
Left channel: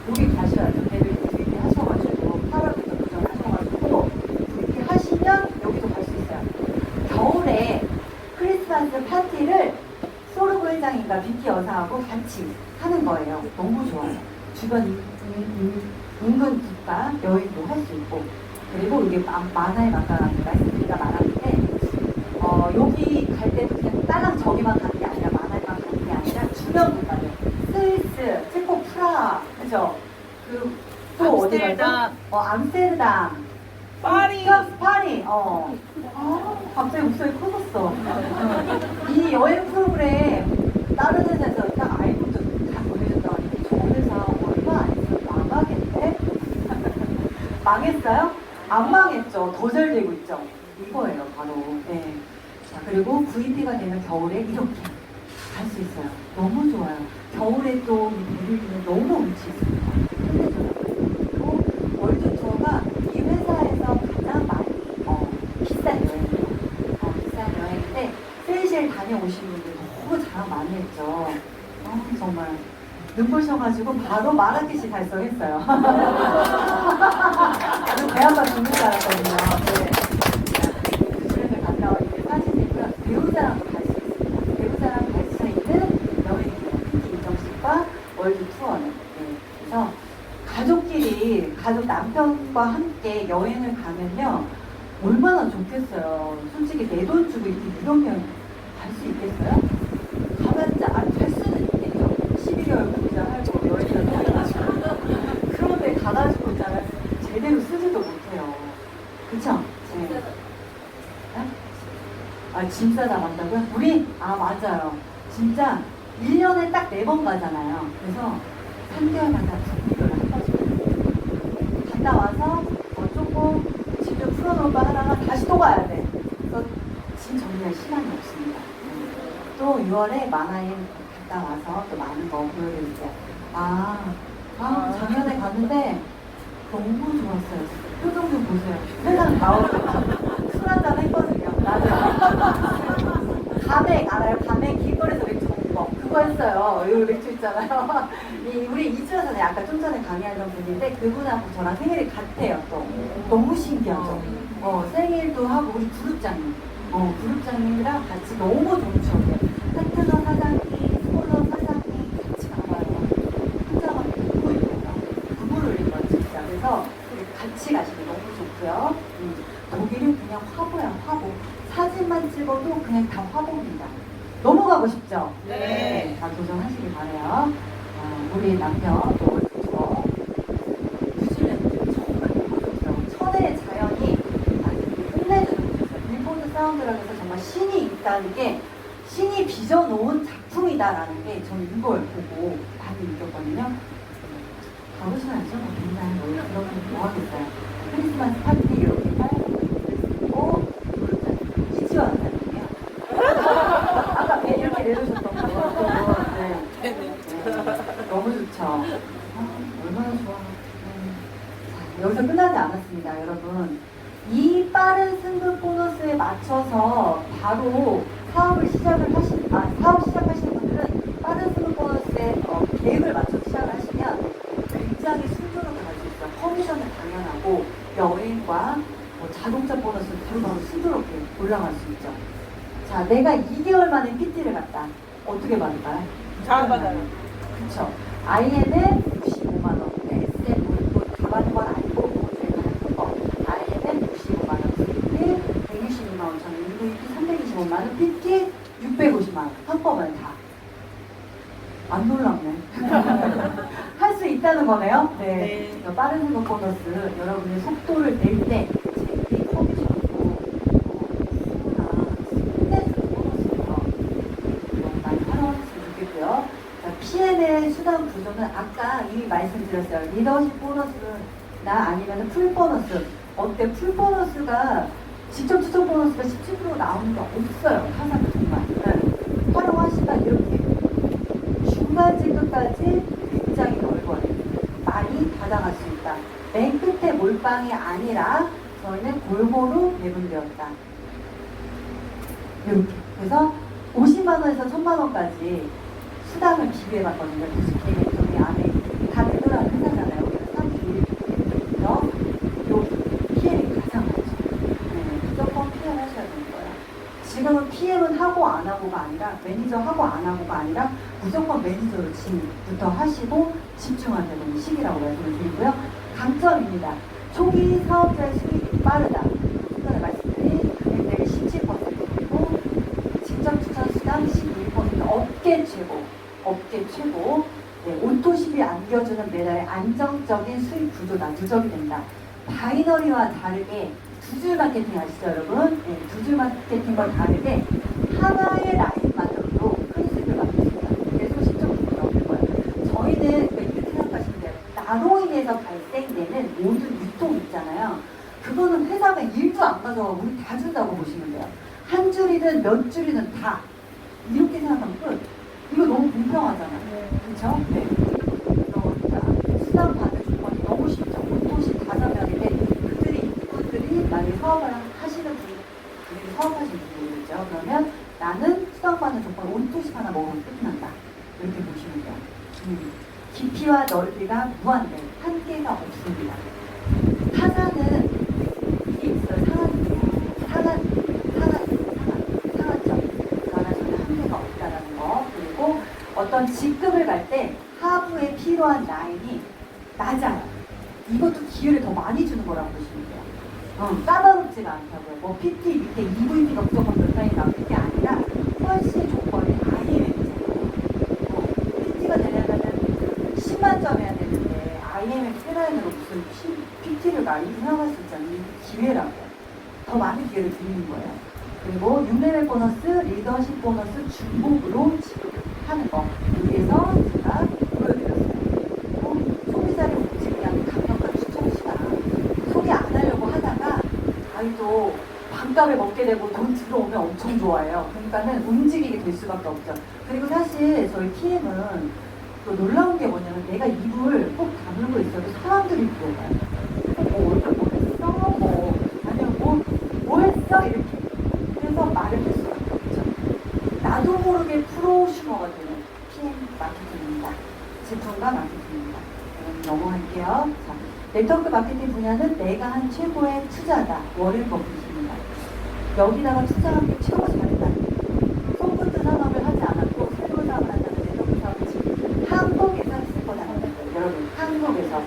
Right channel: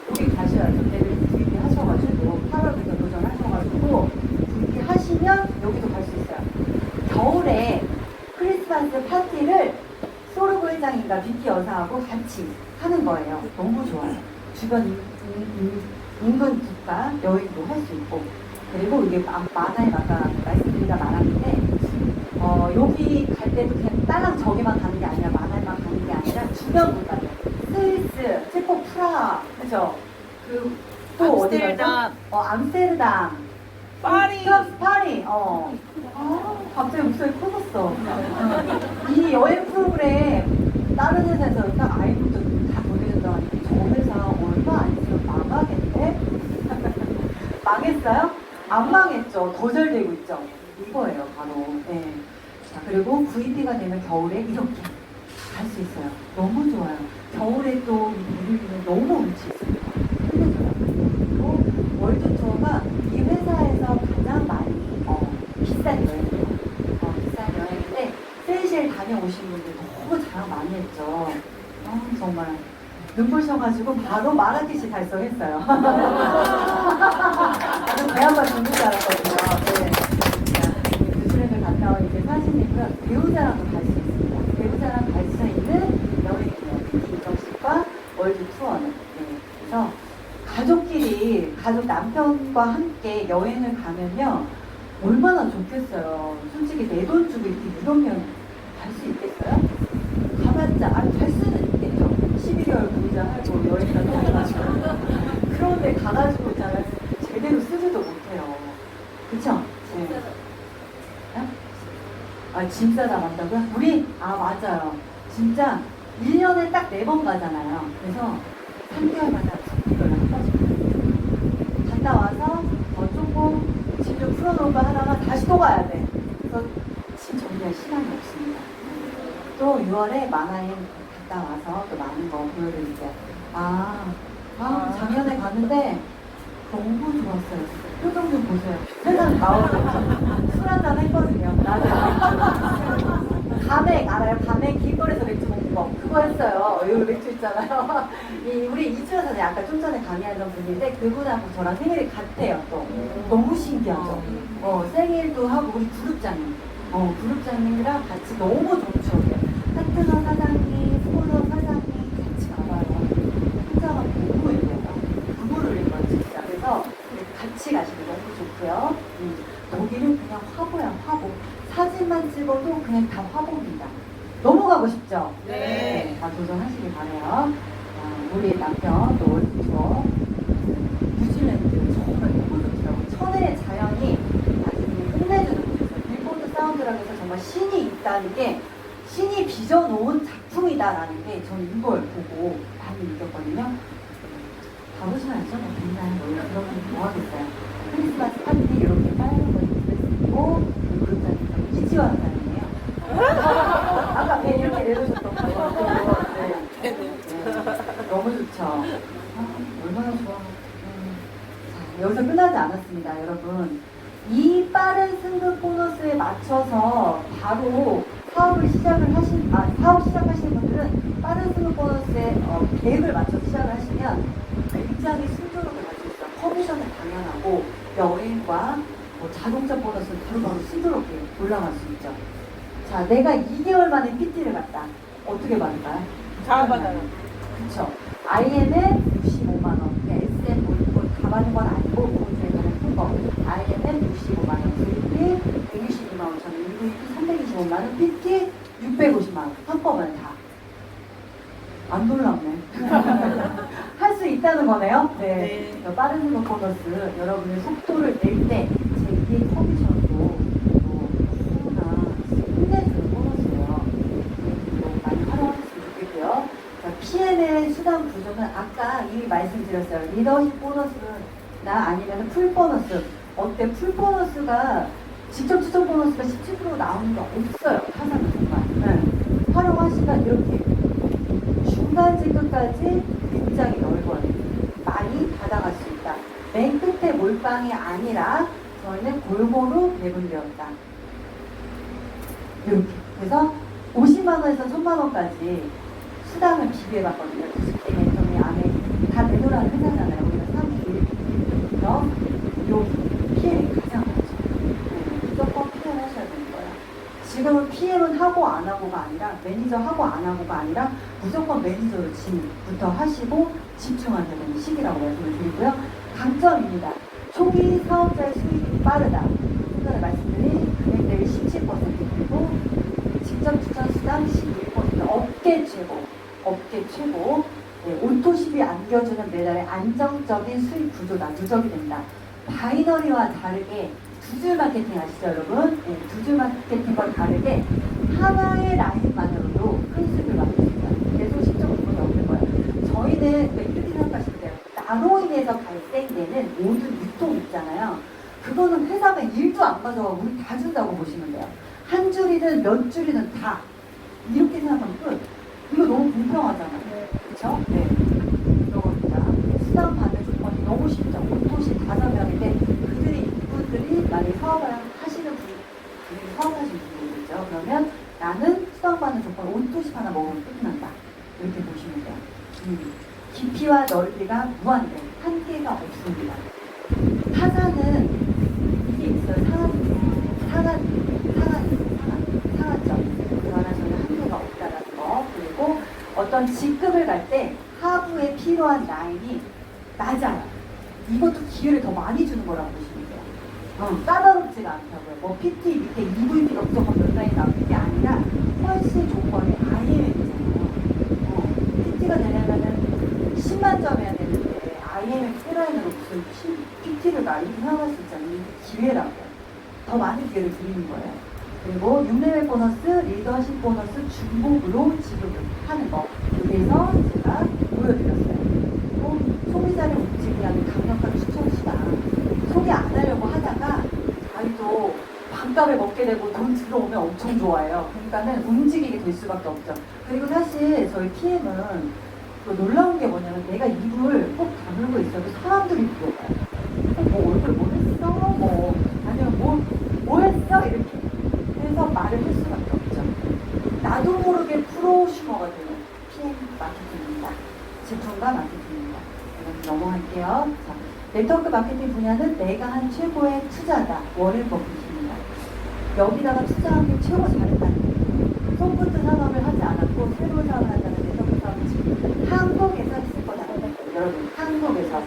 여기 가셔야 돼요. 내일 VP 하셔가지고 8월부터 도전하셔가지고 VP 하시면 여기도 갈 수 있어요. 겨울에 크리스마스 파티를 소르브 회장님과 비키 여사하고 같이 하는 거예요. 너무 좋아요. 주변 인근 국가 여행도 할 수 있고 그리고 이게 만화에 아까 말씀드리다 말았는데 여기 갈 때도 그냥 딸랑 저기만 가는 게 아니라 만화에만 가는 게 아니라 주변 국가들 스위스, 체코, 프라하 그죠? 또 어디 가죠? 암스테르담 파리. 파리 갑자기 목소리 커졌어. 이 여행 프로그램 다른 회사에서 딱 알고 다 보내준다. 저 회사 얼마 안 있으면 망하겠대? 망했어요? 안 망했죠. 더 잘 되고 있죠. 이거예요, 바로. 네. 자, 그리고 VP가 되면 겨울에 이렇게 갈 수 있어요. 너무 좋아요. 겨울에 또 VP는 너무 운치 있습니다. 그리고 월드 투어가 이 회사에서 가장 많이 비싼 여행이에요. 비싼 여행인데 세이셸 다녀오신 분들 너무 자랑 많이 했죠. 정말 눈부셔가지고 바로 마라케시 달성했어요. 배 한번 죽는 줄 알았거든요. 네. 수련을 갔다 온 이제 사진이고요. 배우자랑도 갈 수 있습니다. 배우자랑 갈 수 있는 여행이에요. 김정식과 월드 투어는. 네. 그래서 가족끼리, 가족 남편과 함께 여행을 가면요. 얼마나 좋겠어요. 솔직히 내 돈 주고 이렇게 유럽여행 갈 수 있겠어요? 가봤자, 갈 수는 있겠죠. 12개월 공자 하고 여행을 떠나가지고. 그런데 가가지고 제대로 쓰지도 못해요. 그쵸? 네. 네? 짐 싸다 간다고요? 우리? 맞아요. 진짜 1년에 딱 4번 가잖아요. 그래서 3개월마다 갔다 와서 조금 집좀 풀어놓을까 하다가 다시 또 가야 돼. 그래서 짐 정리할 시간이 없습니다. 또 6월에 만화인 갔다 와서 또 많은 거 보여드릴게요. 작년에 갔는데 너무 좋았어요. 진짜. 표정 좀 보세요. 세상 다 오고 술 한잔 했거든요. 나도 감액 알아요? 감액 길거리에서 맥주 먹는 거 그거 했어요. 이 맥주 있잖아요. 우리 이주연 선생님 아까 좀 전에 강의하던 분인데 그분하고 저랑 생일이 같아요. 또 너무 신기하죠. 생일도 하고 우리 그룹장님 그룹장님이랑 같이 너무 좋으셔요. 파트너 사장님, 스포너 사장님 같이 가봐요. 혼자만 너무 예뻐요. 부부를 예뻐요 진짜. 그래서 같이 가시면 너무 좋고요. 거기는 그냥 화보야 화보. 사진만 찍어도 그냥 다 화보입니다. 너무 가고 싶죠? 네. 다 도전하시길 바래요. 우리 남편도 저 뉴질랜드 정말 예쁘죠. 천혜의 자연이 아주 끝내주는 일본의 사운드라고 해서 정말 신이 있다는 게 신이 빚어놓은 작품이다라는 게 저는 이걸 보고 많이 믿었거든요. 가보셔야죠. 맨날 이렇게 뭐 하겠어요. 크리스마스 파티 이렇게 빨간 거 입고 기지원 사진이에요. 아까 배 이렇게 내려줬던 거 너무 좋죠. 얼마나 좋아. 자, 여기서 끝나지 않았습니다, 여러분. 이 빠른 승급 보너스에 맞춰서 바로 사업 시작하시는 분들은 빠른 승급 보너스에 계획을 맞춰서 시작을 하시면 굉장히 순조롭게 갈 수 있어요. 커미션은 당연하고 여행과 자동차 보너스는 바로 순조롭게 올라갈 수 있죠. 자, 내가 2개월 만에 PT를 갔다. 어떻게 받을까요? 잘 받아요. 그렇죠. IM에 65만원, SM 뭐 가봐는 건 아니고 제가 큰 거. IM에 65만원, VP 162만 5천원, VP 325만원, PT 650만원. 한꺼번에 다. 안 놀랍네. 할 수 있다는 거네요. 네. 네. 빠른 승급 보너스 여러분의 속도를 낼 때 제 커미션도 힘내주는 보너스예요. 많이 활용하셨으면 좋겠고요. PM의 수당 구조는 아까 이미 말씀드렸어요. 리더십 보너스는 아니면 풀 보너스. 어때? 풀 보너스가 직접 추적 보너스가 17% 나오는 게 없어요. 타사도 정말. 네. 활용하시다 이렇게 중간지 끝까지 굉장히 넓어요. 많이 받아갈 수 있다. 맨 끝에 몰빵이 아니라 저희는 골고루 배분되었다. 이렇게. 그래서 50만 원에서 1000만 원까지 수당을 비교해봤거든요. 90개 돈의 안에 다 들어가는 회사잖아요. 그래서 31%서 여기 PM이 가장 많죠. 무조건 PM을 하셔야 되는 거예요. 지금은 PM은 하고 안 하고가 아니라 매니저 하고 안 하고가 아니라 무조건 매니저를 지금부터 하시고 집중하셔야 되는 시기라고 말씀을 드리고요. 강점입니다. 초기 사업자의 수익이 빠르다. 전에 말씀드린 금액대비 17%그리고 직접 추천 수당 11%, 업계 최고. 네, 오토십이 안겨주는 매달의 안정적인 수익 구조다. 누적이 된다. 바이너리와 다르게 두줄 마케팅 아시죠, 여러분? 네, 두줄 마케팅과 다르게 하나의 라인만으로도 큰 수익을 받을 수 있다. 계속 시점을 얻는 거예요. 저희는 왜 생각하시면 돼요? 나로 인해서 발생되는 모든 유통 있잖아요. 그거는 회사가 일도 안 가져가고 우리 다 준다고 보시면 돼요. 한 줄이든 몇 줄이든 다. 이렇게 생각하면 끝. 이거 너무 공평하잖아요. 그렇죠? 네. 그러니까 수당 받는 조건이 너무 쉽죠. 오토시 5명인데 그분들이 만약에 사업을 하시는 분이 사업하시는 분들이겠죠. 그러면 나는 수당받는 조건 오토시 하나 먹으면 끝난다. 이렇게 보시면 돼요. 깊이와 넓이가 무한대. 한계가 없습니다. 타사는 이게 있어요. 상한점. 그만하면 한계가 없다라는 거. 그리고 어떤 직급을 갈 때 하부에 필요한 라인이 낮아요. 이것도 기회를 더 많이 주는 거라고 보시면 돼요. 까다롭지가 않다고요. 뭐 PT 밑에 EVP가 무조건 몇 라인 나오는 게 아니라 훨씬 조건이 아예 PT가 되려면 10만 점 해야 되는데 IMF 세라인으로 무슨 PT를 많이 생각할 수 있잖아요. 기회라고요. 더 많은 기회를 드리는 거예요. 그리고 6레벨 보너스, 리더십 보너스 중복으로 지급하는 거. 여기에서 제가 보여드렸어요. 그리고 소비자를 움직이라는 강력한 추천수다. 소개 안 하려고 하다가 아이도 돈값을 먹게 되고 돈 들어오면 엄청 좋아해요. 그러니까는 움직이게 될 수밖에 없죠. 그리고 사실 저희 TM은 또 놀라운 게 뭐냐면 내가 입을 꼭 다물고 있어도 사람들이 물어봐요. 뭐 얼굴 뭐 했어? 뭐 아니면 뭐 했어? 이렇게. 그래서 말을 할 수밖에 없죠. 나도 모르게 프로슈머가 되는 TM 마케팅입니다. 제품과 마케팅입니다. 넘어갈게요. 자, 네트워크 마케팅 분야는 내가 한 최고의 투자다. 워렌 버핏입니다. 여기다가 투자하는 게 최고 잘했다. 소프트 산업을 하지 않았고 새로 사업을 한다는 네트워크 사업을 지금 한국에서 했을 거다. 여러분, 한국에서.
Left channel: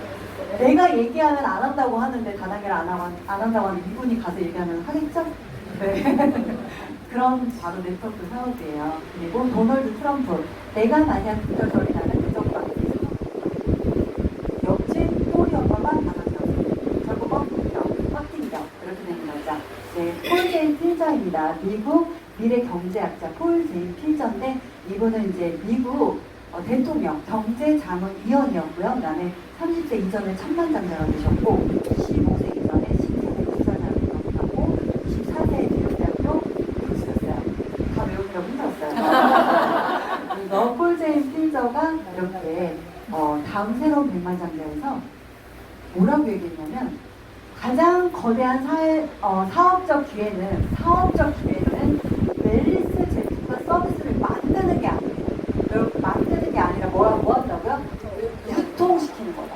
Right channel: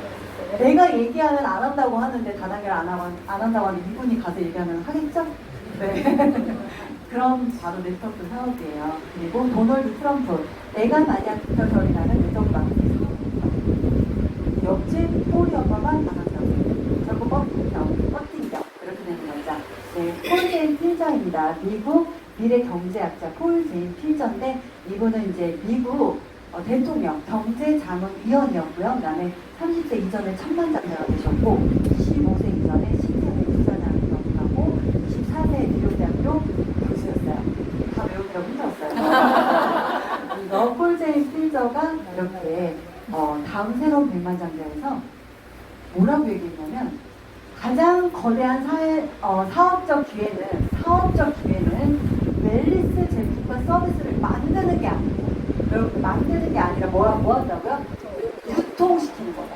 내가 얘기하면 안 한다고 하는데 다단계를 안 한다고 하는데 이분이 가서 얘기하면 하겠죠? 네. 그런 바로 네트워크 사업이에요. 그리고 도널드 트럼프. 내가 만약 그걸 나는 네트워크 마케팅. 옆집 폴이 엄마만 나갔어요. 결국 뻑팅이죠. 그렇게 되는 거죠. 네, 폴 제인 필저입니다. 미국 미래 경제학자 폴 제인 필저인데 이분은 이제 미국 대통령 경제자문위원이었고요. 그다음에 30세 이전에 천만장자가 되셨고 25세 이전에 신세대 기사장을 넘어가고 24세에 미국대학교 교수였어요. 다 외우기가 힘들었어요. 그래서 폴 제인 필저가 이렇게 다음 새로운 백만장자에서 뭐라고 얘기했냐면 가장 거대한 사업적 기회는 웰리스 제품과 서비스를 만드는 게 아니에요. 만드는 게 아니라 뭐 한다고요? 유통시키는 거다.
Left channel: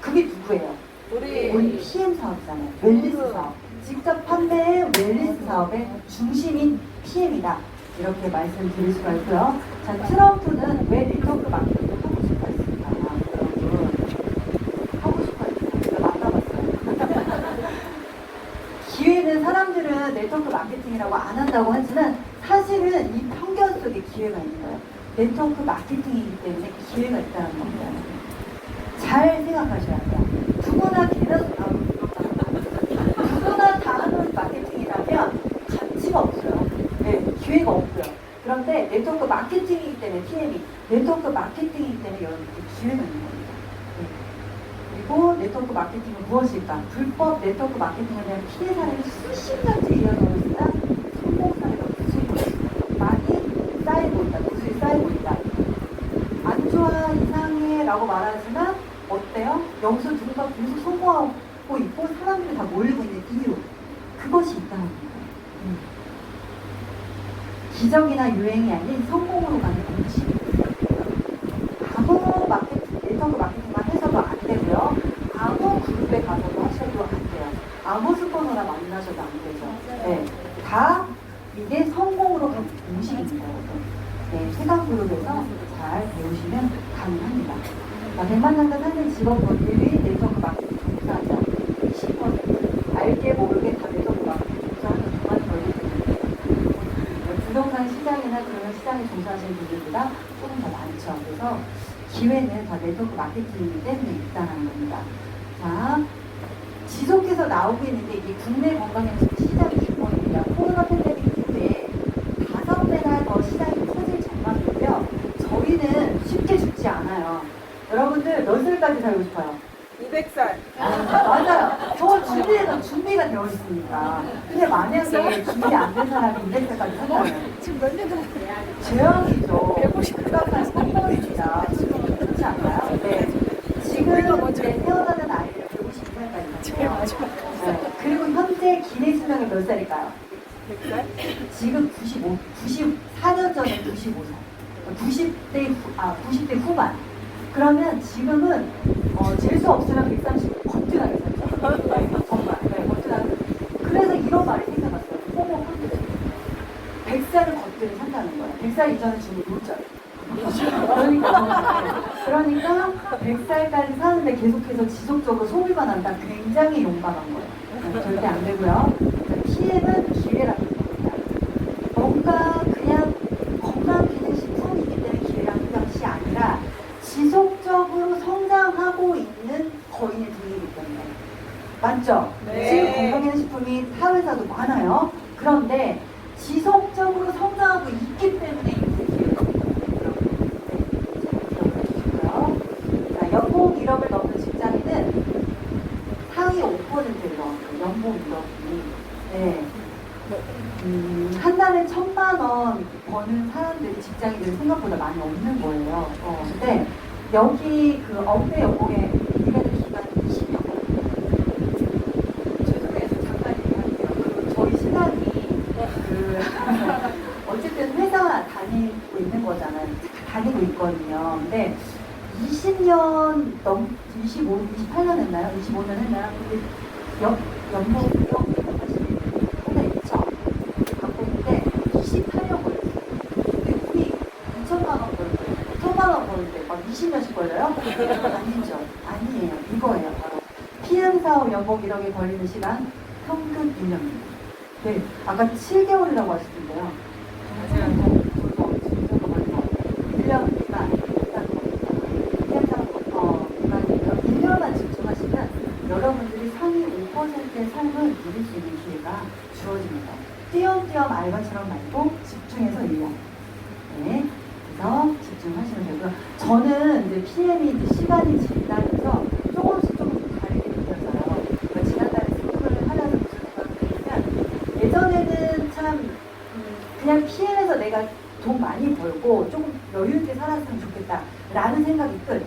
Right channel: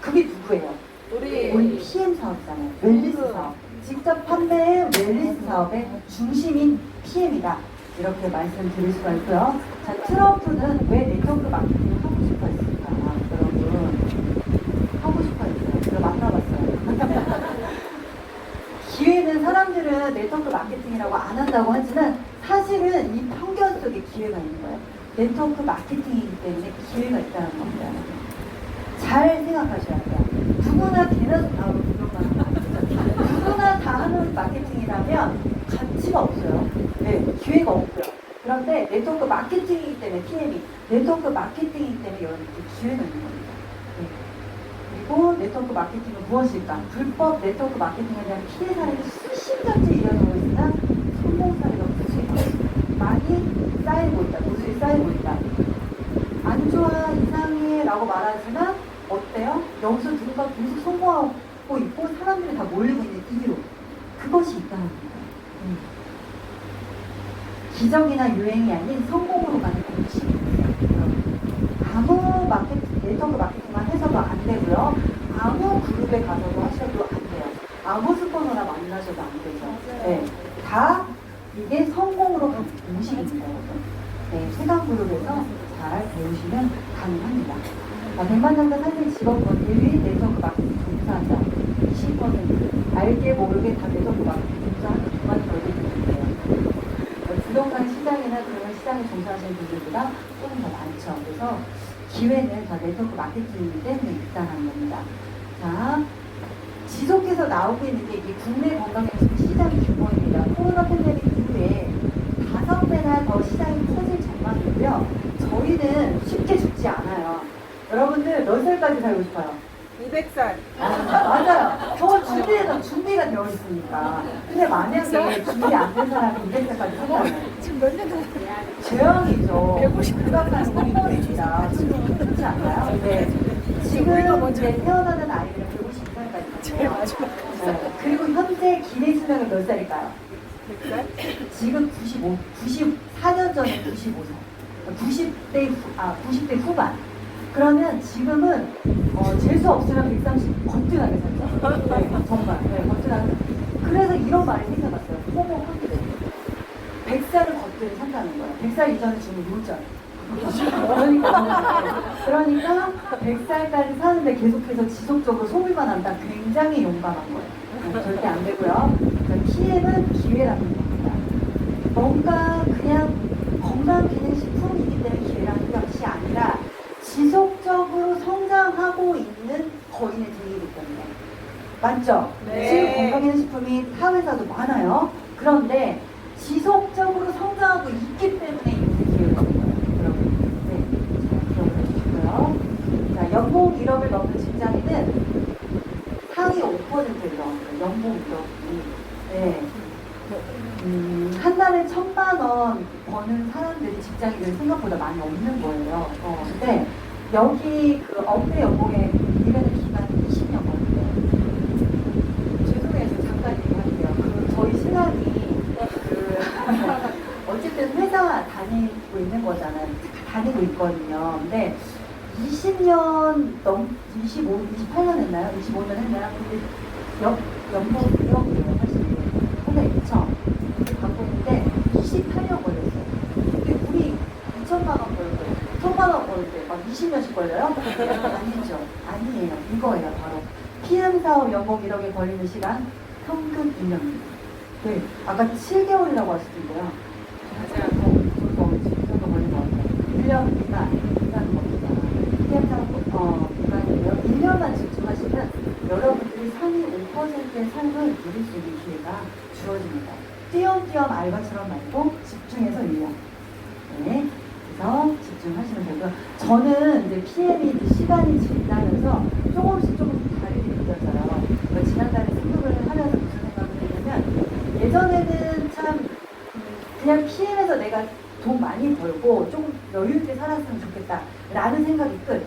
그게 누구예요? 우리 PM 사업이잖아요. 웰리스 사업. 직접 판매의 웰리스 사업의 중심인 PM이다. 이렇게 말씀드릴 수가 있고요. 자, 트럼프는 왜 네트워크 마케팅을 하고 싶어 했을까요? 여러분, 하고 싶어 했어요. 제가 만나봤어요. 기회는 사람들은 네트워크 마케팅이라고 안 한다고 하지만 사실은 이 편견 속에 기회가 있는 거예요. 네트워크 마케팅이기 때문에 기회가 있다는 겁니다. 잘 생각하셔야 돼요. 누구나 누구나 다 하는 마케팅이라면 가치가 없어요. 네, 기회가 없고요. 그런데 네트워크 마케팅이기 때문에 TM이 네트워크 마케팅이기 때문에 여러분들이 기회가 있는 겁니다. 네. 그리고 네트워크 마케팅은 무엇일까? 불법 네트워크 마케팅에 대한 피해 사례가 수십년째 이어져 있으나 성공 사례가 많이 쌓이고 있다. 무수히 쌓이고 있다. 안 좋아, 이상해 라고 말하지만 어때요? 여기서 누군가 계속 성공하고 있고 사람들이 다 모이고 있는 이유. 그것이 있다는 거예요. 기적이나 유행이 아닌 성공으로 가는 공식입니다. 아무 네트워크 마케팅만 해서도 안 되고요. 아무 그룹에 가서도 하셔도 안 돼요. 아무 스폰서나 만나셔도 안 되죠. 네, 다 이게 성공으로 가는 공식입니다. 네, 최강 그룹에서 잘 배우시면 가능합니다. 백만장자 상생 직업분들이 네트워크 마케팅 강사하죠. 20% 알게 모르게 다 네트워크 마케팅 진짜 그만 걸리는데요. 부동산 시장이나 그런 시장에 종사하시는 분들보다 조금 더 많죠. 그래서 기회는 다 네트워크 마케팅이기 때문에 있다는 겁니다. 자, 지속해서 나오고 있는 게 이 국내 건강영식 시장의 규모입니다. 코로나 팬데믹 이후에 5배나 더 시장이 커질 전망이고요. 저희는 쉽게 죽지 않아요. 여러분들 몇 살까지 살고 싶어요? 200살. 맞아요. 저 준비가 되어 있습니다. 근데 만약에 준비 안 된 사람이 200살까지 살잖아요. 지금 몇 년 됐어요? 죄영이죠. 150살까지 성공입니다. 그렇지 않나요? 네. 지금 이제 태어나는 아이들 150살까지. 그리고 현재 기내수명이 몇 살일까요? 100살? 지금 94년 전에 95살. 90대 후반. 그러면 지금은 재수 없으면 130 거뜬하게 살죠. 정말. 네, 거뜬하게. 그래서 이런 말이 생겨났어요. 호모 확률. 100살을 거뜬히 산다는 거예요. 100살 이전에 지금 놀죠. 그러니까 100살까지 사는데 계속해서 지속적으로 소비가 난다. 굉장히 용감한 거예요. 절대 안 되고요. TM은 기회라는 겁니다. 뭔가 그냥 건강 기능 식품이기 때문에 기회라는 것이 아니라 지속적으로 성장하고 있는 거인의 등이기 때문에. 맞죠? 네. 지금 건강기능식품이 사회에서도 많아요. 그런데 지속적으로 성장하고 있기 때문에 있는 기회거든요. 연봉 1억을 넘는 직장인은 상위 5%를 넣었어요. 연봉 1억이. 네. 한 달에 1,000만 원 버는 사람들이 직장인들이 생각보다 많이 없는 거예요. 근데 여기 그 업계 연봉에 일하는 기간이 20년 걸려요. 죄송해요. 잠깐 얘기할게요. 저희 신학이 어쨌든 회사 다니고 있는 거잖아요. 다니고 있거든요. 근데 20년 28년 했나요? 25년 했나요? 그게 연봉 1억 사실 오늘 2천 갖고 있는데 28년 걸렸어요. 근데 우리 2천만 원 벌 때, 1,000만 원 벌 때 막 20년씩 걸려요? 아니죠. 아니에요. 이거예요. 바로 PM 사업 연봉 1억이 걸리는 시간 평균 2년입니다. 네, 아까 7개월이라고 하시던데요. 그냥 일단 1년만 집중하시면 여러분들이 상위 5%의 삶을 누릴 수 있는 기회가 주어집니다. 띄엄띄엄 알바처럼 말고 집중해서 1년. 네, 그래서 집중하시면 되고요. 저는 이제 PM이 시간이 지나면서 조금씩 다르게 느껴져요. 그러니까 지난달에 스쿠버를 하면서 무슨 생각을 했냐면 예전에는 참 그냥 PM에서 내가 돈 많이 벌고 조금 여유 있게 살았으면 좋겠다라는 생각이 끝.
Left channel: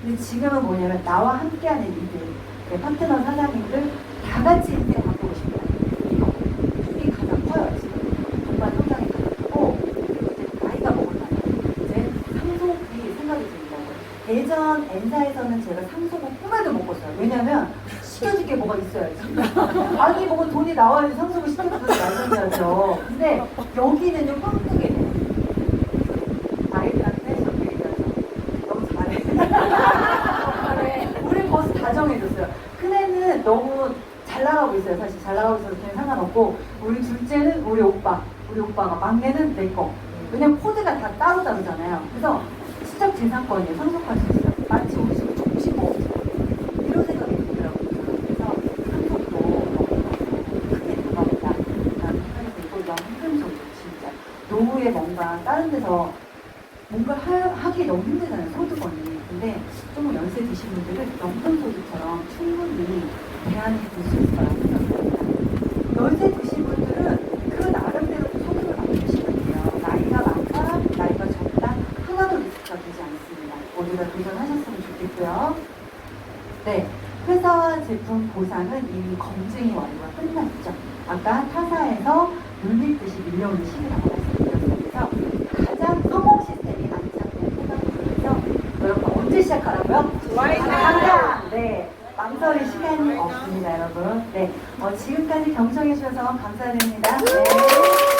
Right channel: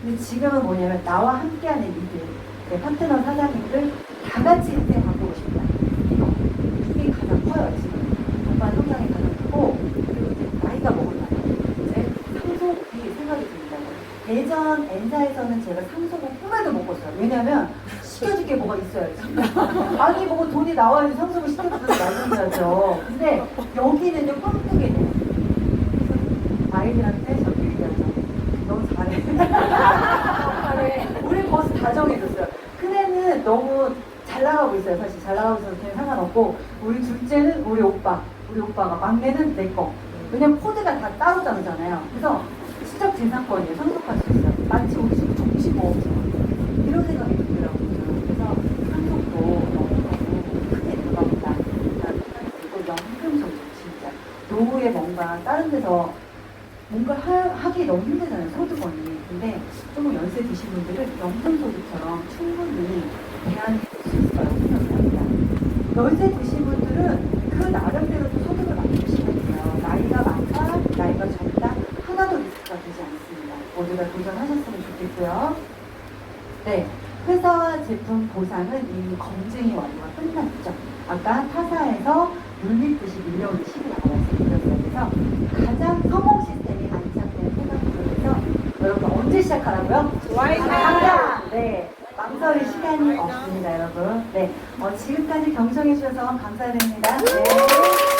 근데 지금은 뭐냐면 나와 함께하는 리드, 내 파트너 사장님들 다 같이 인생 바꾸고 싶다. 이게 가장 커요 지금. 정말 성장이 가장 크고 그리고 이제 나이가 먹으면 이제 상속이 생각이 듭니다. 예전 N사에서는 제가 상속을 꿈에도 못 꿨어요. 왜냐면 시켜줄 게 뭐가 있어야지. 아니 뭐 돈이 나와야지 상속을 시켜줘서 말씀드려야죠. 근데 여기는요 꿈꾸게 돼요. 나에게한테 저렇게 얘기하죠. 너무 잘해. 우리 벌써 다 정해졌어요. 큰애는 너무 잘 나가고 있어요. 사실 잘 나가고 있어서 그냥 상관없고 우리 둘째는 우리 오빠가 막내는 내 거. 왜냐면 코드가 다 따로 다르잖아요. 그래서 진짜 재산권이에요. 상속할 수 있어요. 마치 우리 집 정치 뭐 이런 생각이 들더라고요. 그래서 상속도 너무 크게 들어간다. 라는 생각이 들고 너무 힘들죠. 진짜. 노후에 뭔가 다른 데서 뭔가 하기 너무 힘들잖아요, 소득원이. 근데 조금 연세 드신 분들은 영통소득처럼 충분히 대안해 볼 수 있어요. 생각합니다. 연세 드신 분들은 그 나름대로 소득을 만드시면 돼요. 나이가 많다, 나이가 적다, 하나도 리스크가 되지 않습니다. 모두가 도전하셨으면 좋겠고요. 네, 회사와 제품 보상은 이미 검증이 완료가 끝났죠. 아까 타사에서 물밀듯이 밀려오는 시기라고 말씀드렸어요. 그래서 가장 성공 시스템이 안착된 회사에서 여러분 언제 시작하라고요? 당장! 네, 망설일 시간이 없습니다, 여러분. 네, 지금까지 경청해 주셔서 감사드립니다. 네.